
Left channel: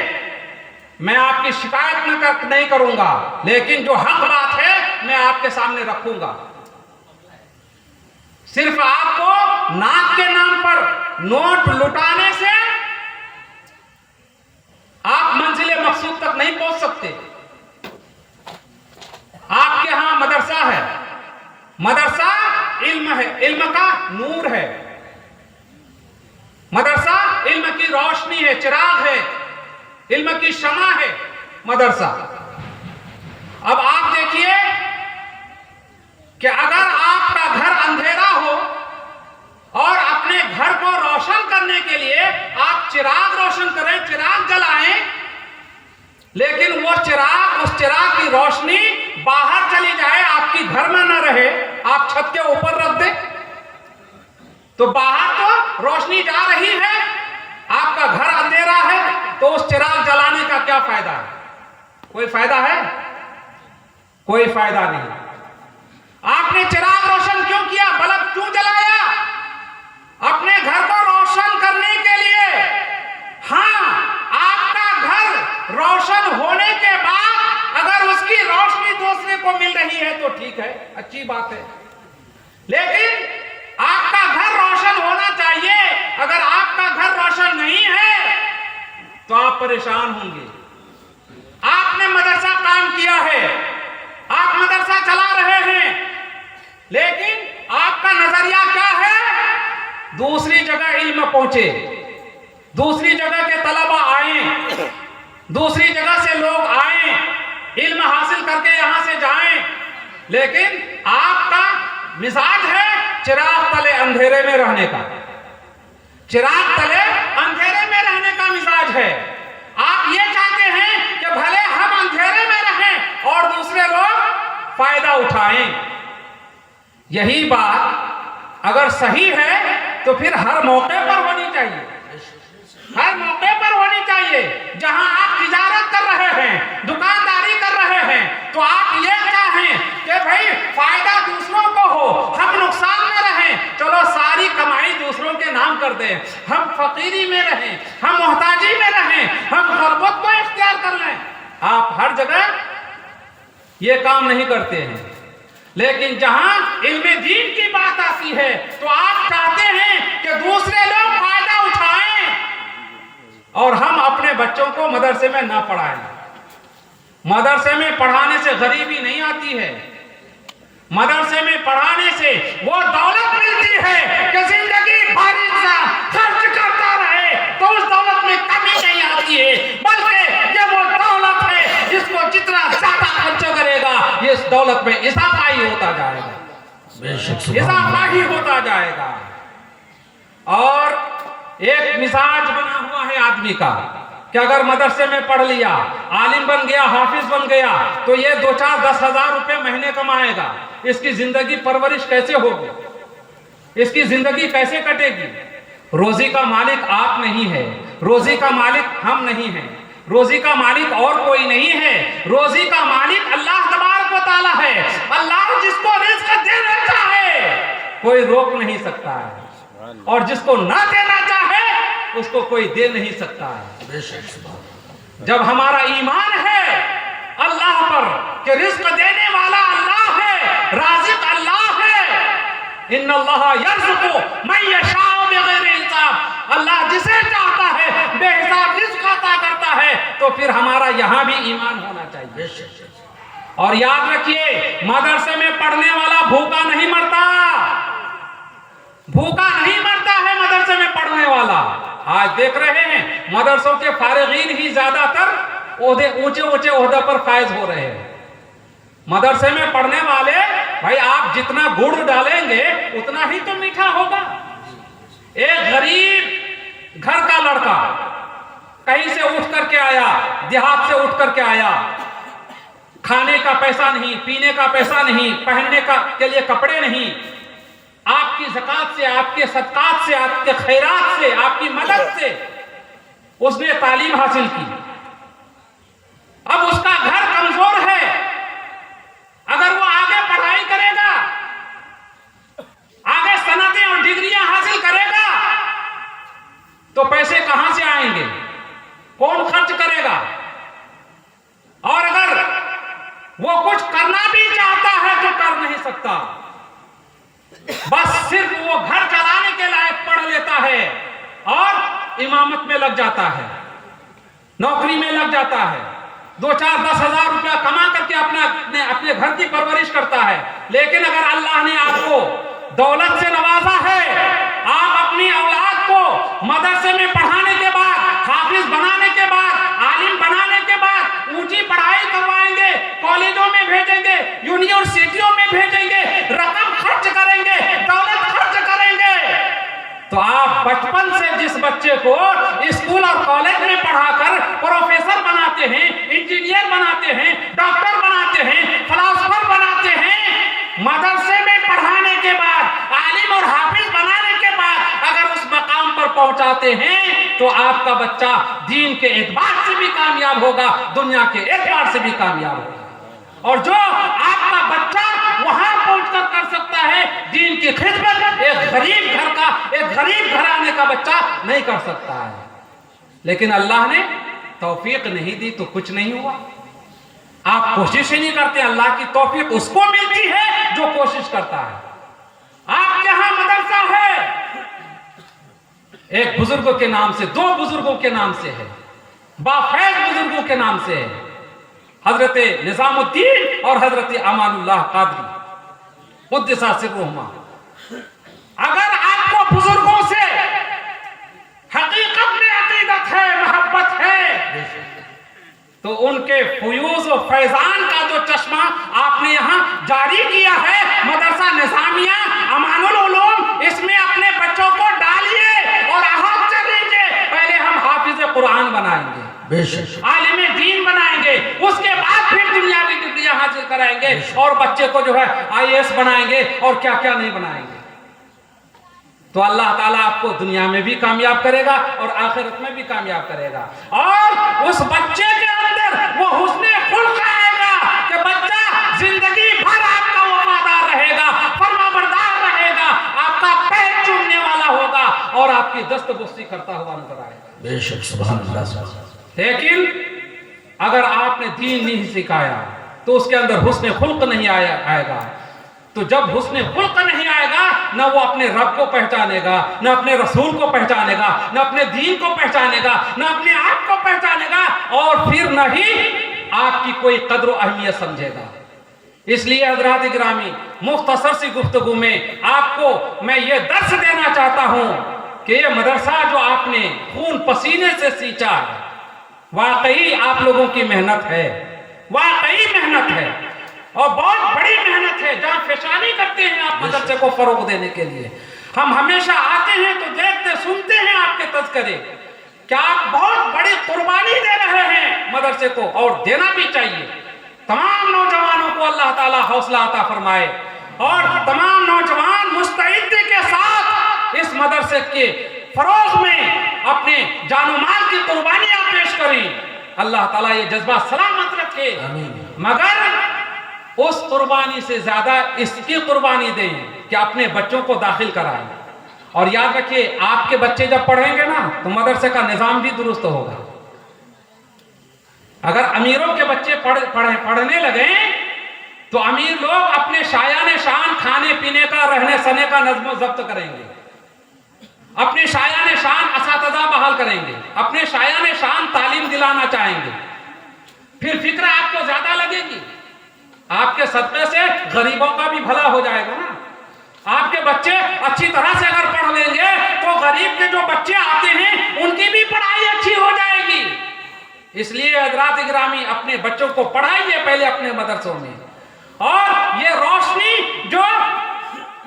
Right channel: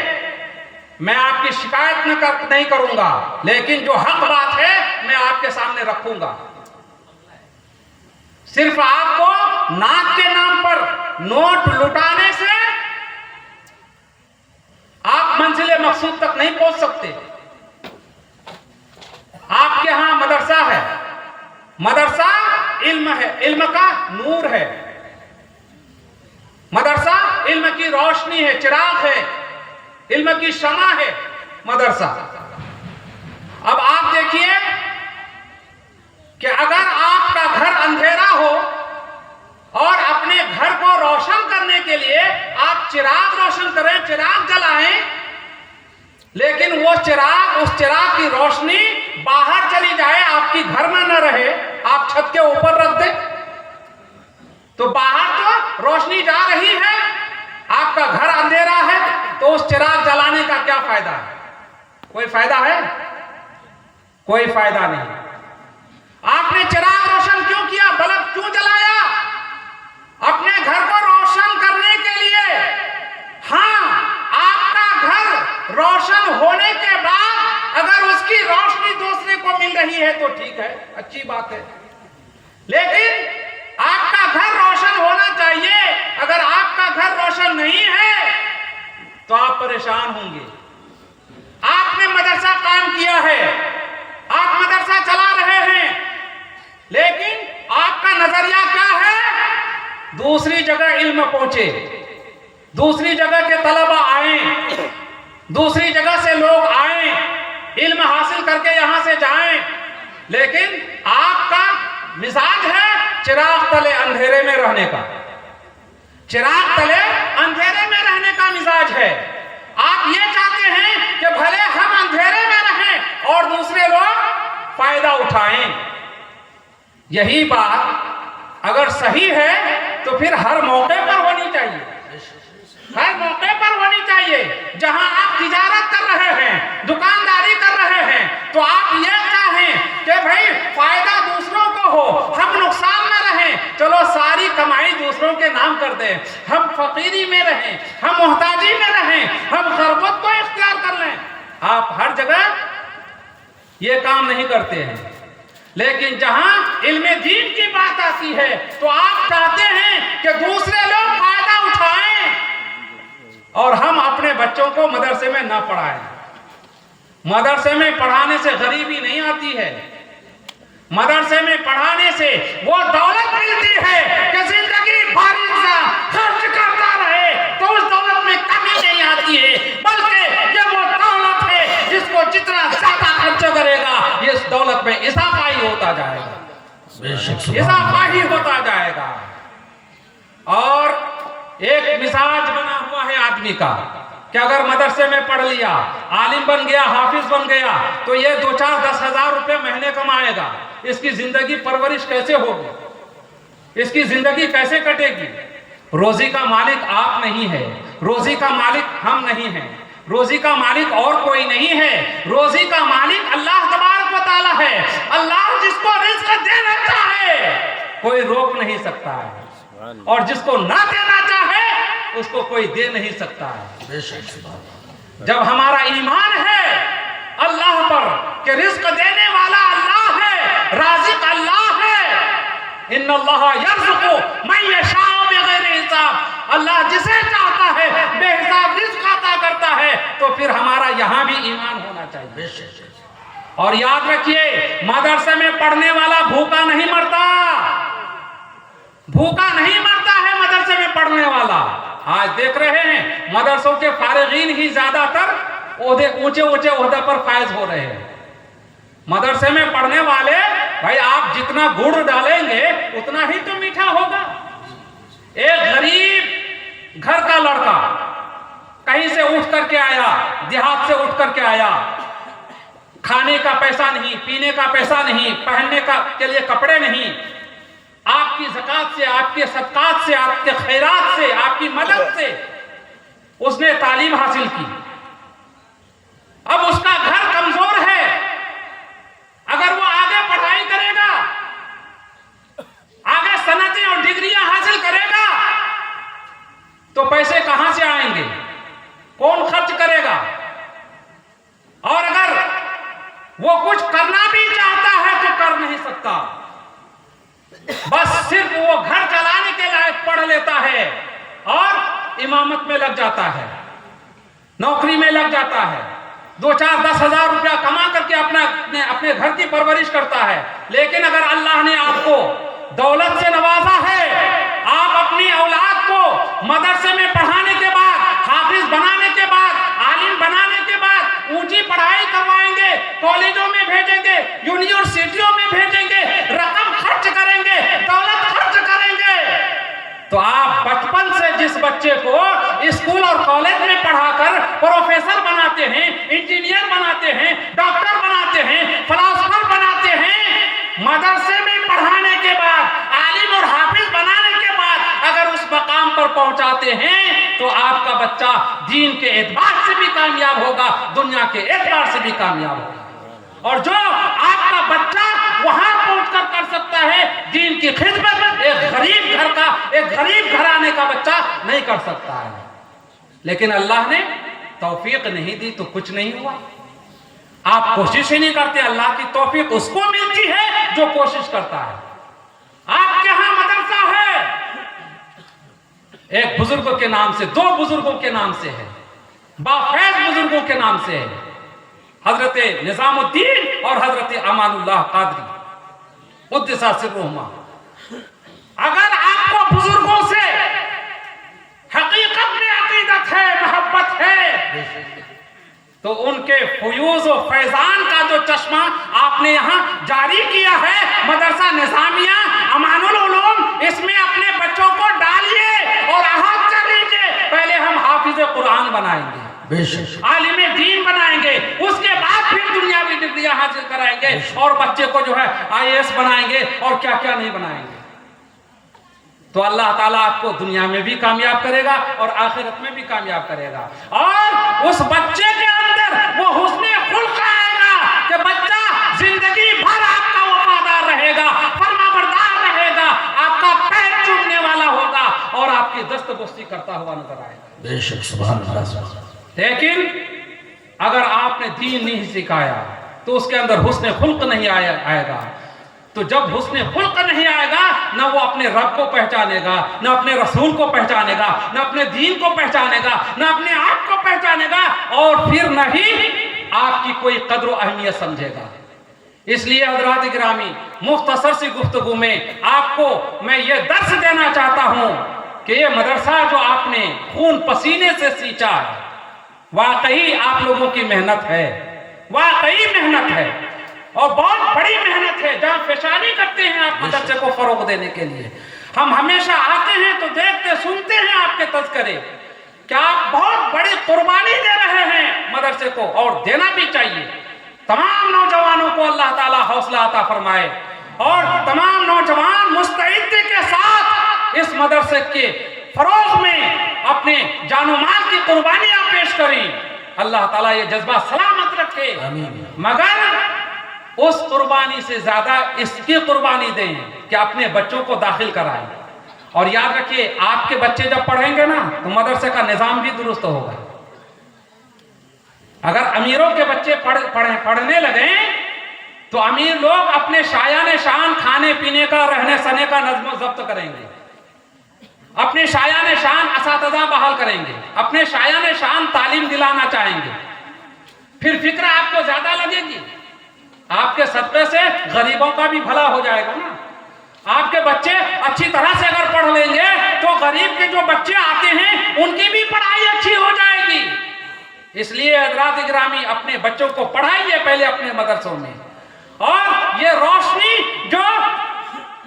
میں آپ کی شکایت نہیں کروں گا، لیکن جو حق بات ہے میں آپ کے سامنے رکھوں گا۔ صرف آپ کو نعت کے نام پر نوٹ لٹانے سے آپ منزل مقصود تک نہیں پہنچ سکتے۔ آپ کے ہاں مدرسہ ہے، مدرسہ علم ہے، علم کا نور ہے، مدرسہ علم کی روشنی ہے، چراغ ہے، علم کی شمع ہے مدرسہ۔ اب آپ دیکھیے کہ اگر آپ کا گھر اندھیرا ہو اور اپنے گھر کو روشن کرنے کے لیے آپ چراغ روشن کریں، چراغ جلائیں، لیکن وہ چراغ، اس چراغ کی روشنی باہر چلی جائے، آپ کی گھر میں نہ رہے، آپ چھت کے اوپر رکھ دیں تو باہر تو روشنی جا رہی ہے، آپ کا گھر اندھیرا ہے، تو اس چراغ جلانے کا کیا فائدہ ہے؟ کوئی فائدہ ہے؟ کوئی فائدہ نہیں۔ آپ نے چراغ روشن کیوں کیا؟ بلب کیوں جلایا؟ اپنے گھر کو روشن کرنے کے لیے۔ ہاں، آپ کا گھر روشن ہونے کے بعد اگر اس کی روشنی دوسرے کو مل رہی ہے تو ٹھیک ہے، اچھی بات ہے، لیکن آپ کا گھر روشن ہونا چاہیے۔ اگر آپ کا گھر روشن نہیں ہے تو آپ پریشان ہوں گے۔ آپ نے مدرسہ قائم کیا ہے، آپ مدرسہ چلا رہے ہیں، لیکن آپ کا نظریہ کیا ہے؟ دوسری جگہ علم پہنچے، دوسری جگہ کے طلبہ آئیں، دوسری جگہ سے لوگ آئیں، علم حاصل کر کے یہاں سے جائیں، لیکن آپ کا مزاج ہے چراغ تلے اندھیرے میں رہنے کا، چراغ تلے اندھیرے میں رہنے کا مزاج ہے۔ آپ یہ چاہتے ہیں کہ بھلے ہم اندھیرے میں رہیں اور دوسرے لوگ فائدہ اٹھائیں۔ یہی بات اگر صحیح ہے تو پھر ہر موقع پر ہونی چاہیے، ہر موقع پر ہونی چاہیے۔ جہاں آپ تجارت کر رہے ہیں، دکانداری کر رہے ہیں، تو آپ یہ چاہیں کہ بھئی فائدہ دوسروں کو ہو، ہم نقصان میں رہیں، چلو ساری کمائی دوسروں کے نام کر دیں، ہم فقیری میں رہیں، ہم محتاجی میں رہیں، ہم غربت کو اختیار کر لیں۔ آپ ہر جگہ یہ کام نہیں کرتے ہیں، لیکن جہاں علم دین کی بات آتی ہے تو آپ چاہتے ہیں کہ دوسرے لوگ فائدہ اٹھائیں اور ہم اپنے بچوں کو مدرسے میں نہ پڑھائیں۔ مدرسے میں پڑھانے سے غریبی نہیں آتی ہے، مدرسے میں پڑھانے سے وہ دولت ملتی ہے کہ زندگی بھر انسان خرچ کرتا رہے تو اس دولت میں کمی نہیں آتی ہے، بلکہ یہ وہ دولت ہے جس کو جتنا زیادہ خرچ کرے گا اس دولت میں اضافہ ہی ہوتا جائے گا، اضافہ ہی ہوتا جائے گا۔ اور ایک مزاج بنا ہوا ہے آدمی کا کہ اگر مدرسے میں پڑھ لیا، عالم بن گیا، حافظ بن گیا تو یہ 2-4-10 ہزار روپے مہینے کمائے گا، اس کی زندگی پرورش کیسے ہوگی؟ اس کی زندگی کیسے کٹے گی؟ روزی کا مالک آپ نہیں ہے، روزی کا مالک ہم نہیں ہیں، روزی کا مالک اور کوئی نہیں ہے، روزی کا مالک اللہ تبارک و تعالی ہے۔ اللہ جس کو رزق دینا چاہے کوئی روک نہیں سکتا ہے، اور جس کو نہ دینا چاہے اس کو کوئی دے نہیں سکتا ہے۔ جب ہمارا ایمان ہے اللہ پر کہ رزق دینے والا اللہ ہے، رازق اللہ ہے، ان اللہ یرزق من یشاء بغیر حساب، اللہ جسے چاہتا ہے بے حساب رزق عطا کرتا ہے، تو پھر ہمارا یہاں بھی ایمان ہونا چاہیے۔ اور یاد رکھیے، مدرسے میں پڑھنے والا بھوکا نہیں مرتا، بھوکا نہیں مرتا ہے مدرسے میں پڑھنے والا۔ آج دیکھ رہے ہیں مدرسوں کے فارغین ہی زیادہ تر اونچے اونچے عہدے پر فائز ہو رہے ہیں۔ مدرسے میں پڑھنے والے، بھائی آپ جتنا گڑ ڈالیں گے اتنا ہی تو میٹھا ہوگا۔ ایک غریب گھر کا لڑکا کہیں سے اٹھ کر کے آیا، دیہات سے اٹھ کر کے آیا، کھانے کا پیسہ نہیں، پینے کا پیسہ نہیں، پہننے کے لیے کپڑے نہیں، آپ کی زکات سے، آپ کے صدقات سے، آپ کے خیرات سے، آپ کی مدد سے اس نے تعلیم حاصل کی۔ اب اس کا گھر کمزور ہے، اگر وہ آگے پڑھائی کرے گا، آگے صنعتیں اور ڈگریاں حاصل کرے گا تو پیسے کہاں سے آئیں گے؟ کون خرچ کرے گا؟ اور اگر وہ کچھ کرنا بھی چاہتا ہے تو کر نہیں سکتا، بس صرف وہ گھر چلانے کے لائق پڑھ لیتا ہے اور امامت میں لگ جاتا ہے، نوکری میں لگ جاتا ہے، 2-4-10 ہزار روپیہ کما کر کے اپنے گھر کی پرورش کرتا ہے۔ لیکن اگر اللہ نے آپ کو دولت سے نوازا ہے، آپ اپنی اولاد کو مدرسے میں پڑھانے کے بعد، حافظ بنانے کے بعد، عالم بنانے کے بعد اونچی پڑھائی کروائیں گے، کالجوں میں بھیجیں گے، یونیورسٹیوں میں بھیجیں گے، رقم خرچ کریں گے، دولت خرچ کریں گے، تو آپ بچپن سے جس بچے کو اسکول اور کالج میں پڑھا کر پروفیسر بناتے ہیں، بناتے ہیں, ڈاکٹر بناتے ہیں, فلاسفر بناتے ہیں. مدرسے میں پڑھانے کے بعد, عالم اور حافظ بنانے کے بعد اگر اس مقام پر پہنچاتے ہیں تو آپ کا بچہ دین کے اعتبار سے بھی کامیاب ہوگا, دنیا کے اعتبار سے بھی کامیاب ہوگا. اور جو آپ کا بچہ وہاں پہنچ کر سکتا ہے دین کی خدمت, ایک غریب گھر کا, ایک غریب گھرانے کا بچہ نہیں کر سکتا ہے. لیکن اللہ نے توفیق نہیں دی تو کچھ نہیں ہوا. آپ کوشش ہی نہیں کرتے, اللہ کی توفیق اس کو ملتی ہے جو کوشش کرتا ہے. آپ کے ہاں مدرسہ ہے, ایک بزرگ کے نام سے, 2 بزرگوں کے نام سے ہے, بافیض بزرگوں کے نام سے ہے, حضرت نظام الدین اور حضرت امان اللہ قادری قدس سرہما. اگر آپ کو بزرگوں سے حقیقت میں عقیدت ہے, محبت ہے, تو ان کے فیوز و فیضان کا جو چشمہ آپ نے یہاں جاری کیا ہے, مدرسہ نظامیہ امان العلوم, اس میں اپنے بچوں کو ڈالیے اور احاطہ کر لیجیے. پہلے ہم حافظ قرآن بنائیں گے, عالم دین بنائیں گے, اس کے بعد پھر دنیاوی ڈگریاں حاصل کرائیں گے, اور بچے کو جو ہے IAS بنائیں گے اور کیا کیا نہیں بنائیں گے. تو اللہ تعالیٰ آپ کو دنیا میں بھی کامیاب کرے گا اور آخرت میں بھی کامیاب کرے گا. اور اس بچے کے اندر وہ حسن خلق آئے گا کہ بچہ زندگی بھر آپ کا وفادار رہے گا, فرمانبردار رہے گا, آپ کا پیر چومنے والا ہوگا اور آپ کی دست بستی کرتا ہوا نظر آئے گا. بے شک سبحان اللہ. لیکن اگر آپ نے دین نہیں سکھایا تو اس کے اندر حسن خلق نہیں آئے گا. تو جب حسن خلق نہیں آئے گا, نہ وہ اپنے رب کو پہچانے گا, نہ اپنے رسول کو پہچانے گا, نہ اپنے دین کو پہچانے گا, نہ اپنے آپ کو پہچانے گا, اور پھر نہ ہی آپ کی کوئی قدر و اہمیت سمجھے گا. اس لیے حضرات گرامی, مختصر سی گفتگو میں آپ کو میں یہ درس دینا چاہتا ہوں کہ یہ مدرسہ جو آپ نے خون پسینے سے سینچا ہے, واقعی آپ لوگوں کی محنت ہے, واقعی محنت ہے, اور بہت بڑی محنت ہے. جہاں فشانی کرتے ہیں آپ مدرسے کو فروغ دینے کے لیے. ہم ہمیشہ آتے ہیں تو دیکھتے سنتے ہیں آپ کے تذکرے کہ آپ بہت بڑی قربانی دے رہے ہیں مدرسے کو, اور دینا بھی چاہیے. تمام نوجوانوں کو اللہ تعالیٰ حوصلہ عطا فرمائے, اور تمام نوجوان مستعدی کے ساتھ اس مدرسے کے فروغ میں اپنے جان و مال کی قربانیاں پیش کریں. اللہ تعالیٰ یہ جذبہ سلامت رکھے. مگر اس قربانی سے زیادہ اس کی قربانی دیں کہ اپنے بچوں کو داخل کرائیں. اور یاد رکھیے, آپ کے بچے جب پڑھیں گے نا تو مدرسے کا نظام بھی درست ہوگا. اگر امیروں کے بچے پڑھنے لگیں تو امیر لوگ اپنے شایان شان کھانے پینے کا, رہنے سہنے کا نظم و ضبط کریں گے, اپنے شایان شان اساتذہ بحال کریں گے, اپنے شایان شان تعلیم دلانا چاہیں گے. پھر فکر آپ کو زیادہ لگے گی. آپ کے صدقے سے غریبوں کا بھی بھلا ہو جائے گا نا. آپ کے بچے اچھی طرح سے اگر پڑھ لیں گے تو غریب کے جو بچے آتے ہیں ان کی بھی پڑھائی اچھی ہو جائے گی. اس لیے حضرات گرامی, اپنے بچوں کو پڑھائیے پہلے اپنے مدرسوں میں, اور یہ روشنی جو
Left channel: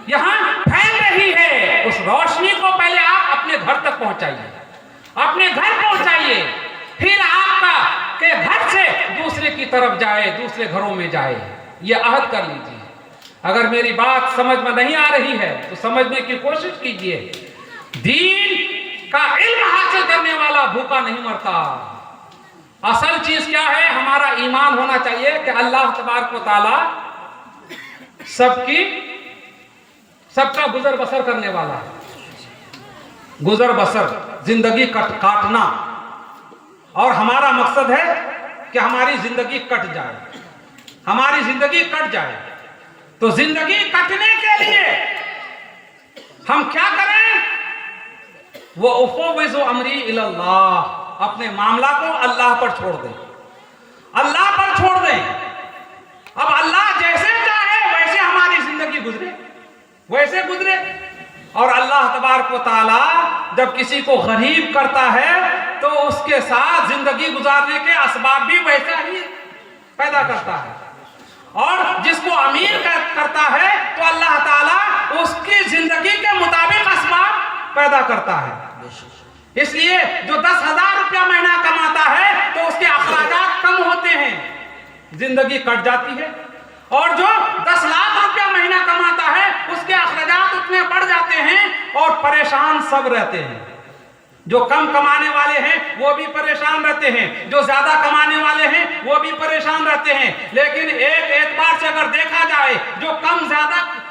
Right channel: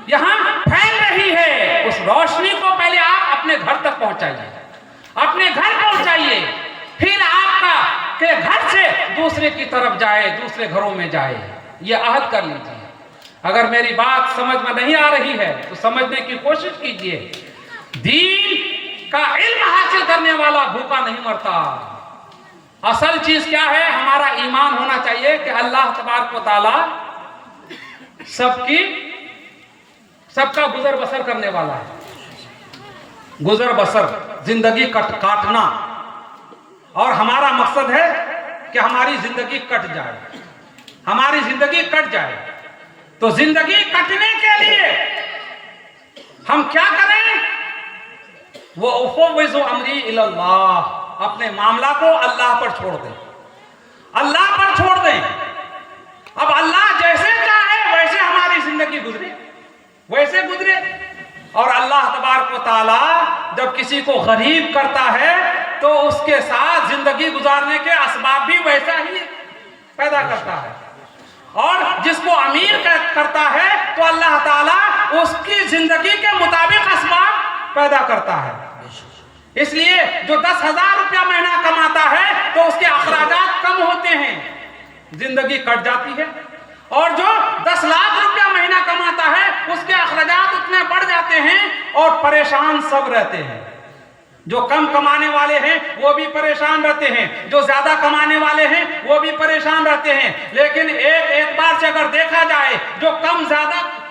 یہاں پھیل رہی ہے اس روشنی کو پہلے آپ اپنے گھر تک پہنچائیے, اپنے گھر پہنچائیے, پھر آپ کا کہ گھر سے دوسرے کی طرف جائے, دوسرے گھروں میں جائے. یہ عہد کر لیجیے. اگر میری بات سمجھ میں نہیں آ رہی ہے تو سمجھنے کی کوشش کیجیے. دین کا علم حاصل کرنے والا بھوکا نہیں مرتا. اصل چیز کیا ہے؟ ہمارا ایمان ہونا چاہیے کہ اللہ تبارک و تعالی سب کا گزر بسر کرنے والا ہے. گزر بسر, زندگی کاٹنا, اور ہمارا مقصد ہے کہ ہماری زندگی کٹ جائے, ہماری زندگی کٹ جائے. تو زندگی کٹنے کے لیے ہم کیا کریں؟ وَأُفَوِّضُ أَمْرِي إِلَى اللَّهِ, اپنے معاملہ کو اللہ پر چھوڑ دیں, اللہ پر چھوڑ دیں. اب اللہ جیسے چاہے ویسے ہماری زندگی گزرے, ویسے گزرے. اور اللہ تبارک و تعالی جب کسی کو غریب کرتا ہے تو اس کے ساتھ زندگی گزارنے کے اسباب بھی ویسا ہی پیدا کرتا ہے, اور جس کو امیر کرتا ہے تو اللہ تعالی اس کی زندگی کے مطابق اسباب پیدا کرتا ہے. اس لیے جو 10,000 روپیہ مہینہ کماتا ہے تو اس کے اخراجات کم ہوتے ہیں, زندگی کٹ جاتی ہے، اور جو 10 لاکھ روپیہ مہینہ کماتا ہے اس کے اخراجات اتنے بڑھ جاتے ہیں اور پریشان سب رہتے ہیں۔ جو کم کمانے والے ہیں وہ بھی پریشان رہتے ہیں، جو زیادہ کمانے والے ہیں وہ بھی پریشان رہتے ہیں، لیکن ایک اعتبار سے اگر دیکھا جائے جو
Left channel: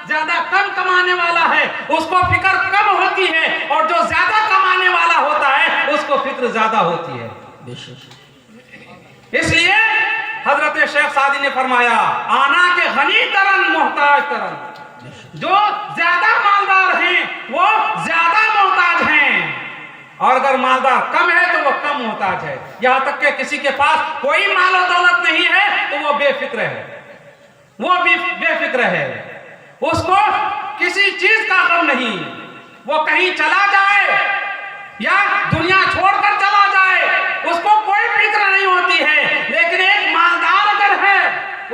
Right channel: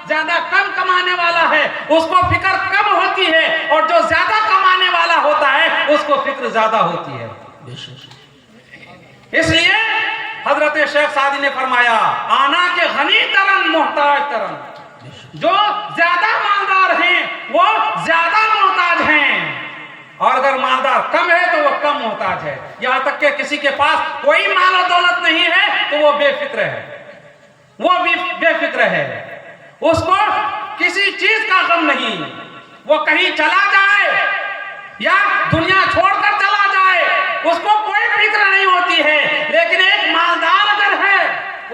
زیادہ کم کمانے والا ہے اس کو فکر کم ہوتی ہے، اور جو زیادہ کمانے والا ہوتا ہے اس کو فکر زیادہ ہوتی ہے۔ بے شک اس لیے حضرت شیخ سعدی نے فرمایا آنا کے غنی ترن محتاج ترن، جو زیادہ مالدار ہیں وہ زیادہ محتاج ہیں، اور اگر مالدار کم ہے تو وہ کم محتاج ہے۔ یہاں تک کہ کسی کے پاس کوئی مال و دولت نہیں ہے تو وہ بے فکر ہے، وہ بھی بے فکر ہے، اس کو کسی چیز کا غم نہیں، وہ کہیں چلا جائے یا دنیا چھوڑ کر چلا جائے اس کو کوئی فکر نہیں ہوتی ہے، لیکن ایک مالدار اگر ہے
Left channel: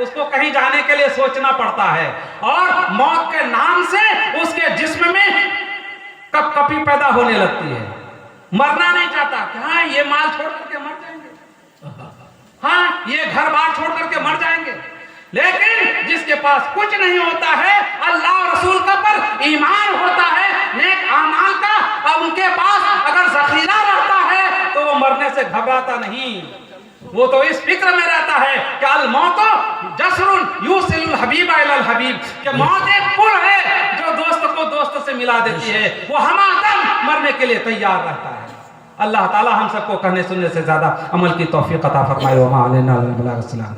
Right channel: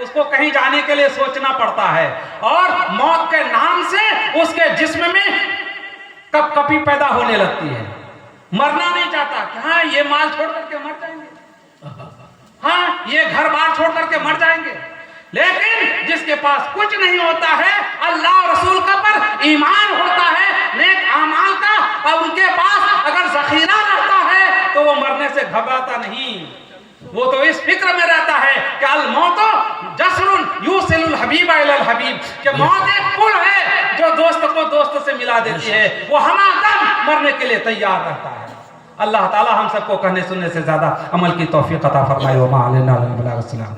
اس کو کہیں جانے کے لیے سوچنا پڑتا ہے، اور موت کے نام سے اس کے جسم میں کپ کپی پیدا ہونے لگتی ہے، مرنا نہیں چاہتا کہ ہاں یہ مال چھوڑ کر کے مر جائیں گے، ہاں یہ گھر بار چھوڑ کر کے مر جائیں گے، لیکن جس کے پاس کچھ نہیں ہوتا ہے، اللہ اور رسول کا پر ایمان ہوتا ہے، نیک اعمال کا، اب ان کے پاس اگر ذخیرہ رہتا ہے تو وہ مرنے سے گھبراتا نہیں، وہ تو اس فکر میں رہتا ہے کہ الموت جسر یوصل الحبیب الی الحبیب، کہ موت ایک پل ہے جو دوست کو دوست سے ملا دیتی ہے، وہ ہمہ دم مرنے کے لیے تیار رہتا ہے۔ اللہ تعالی ہم سب کو کہنے سننے سے زیادہ عمل کی توفیق عطا فرمائے، وما علینا الا البلاغ۔ السلام۔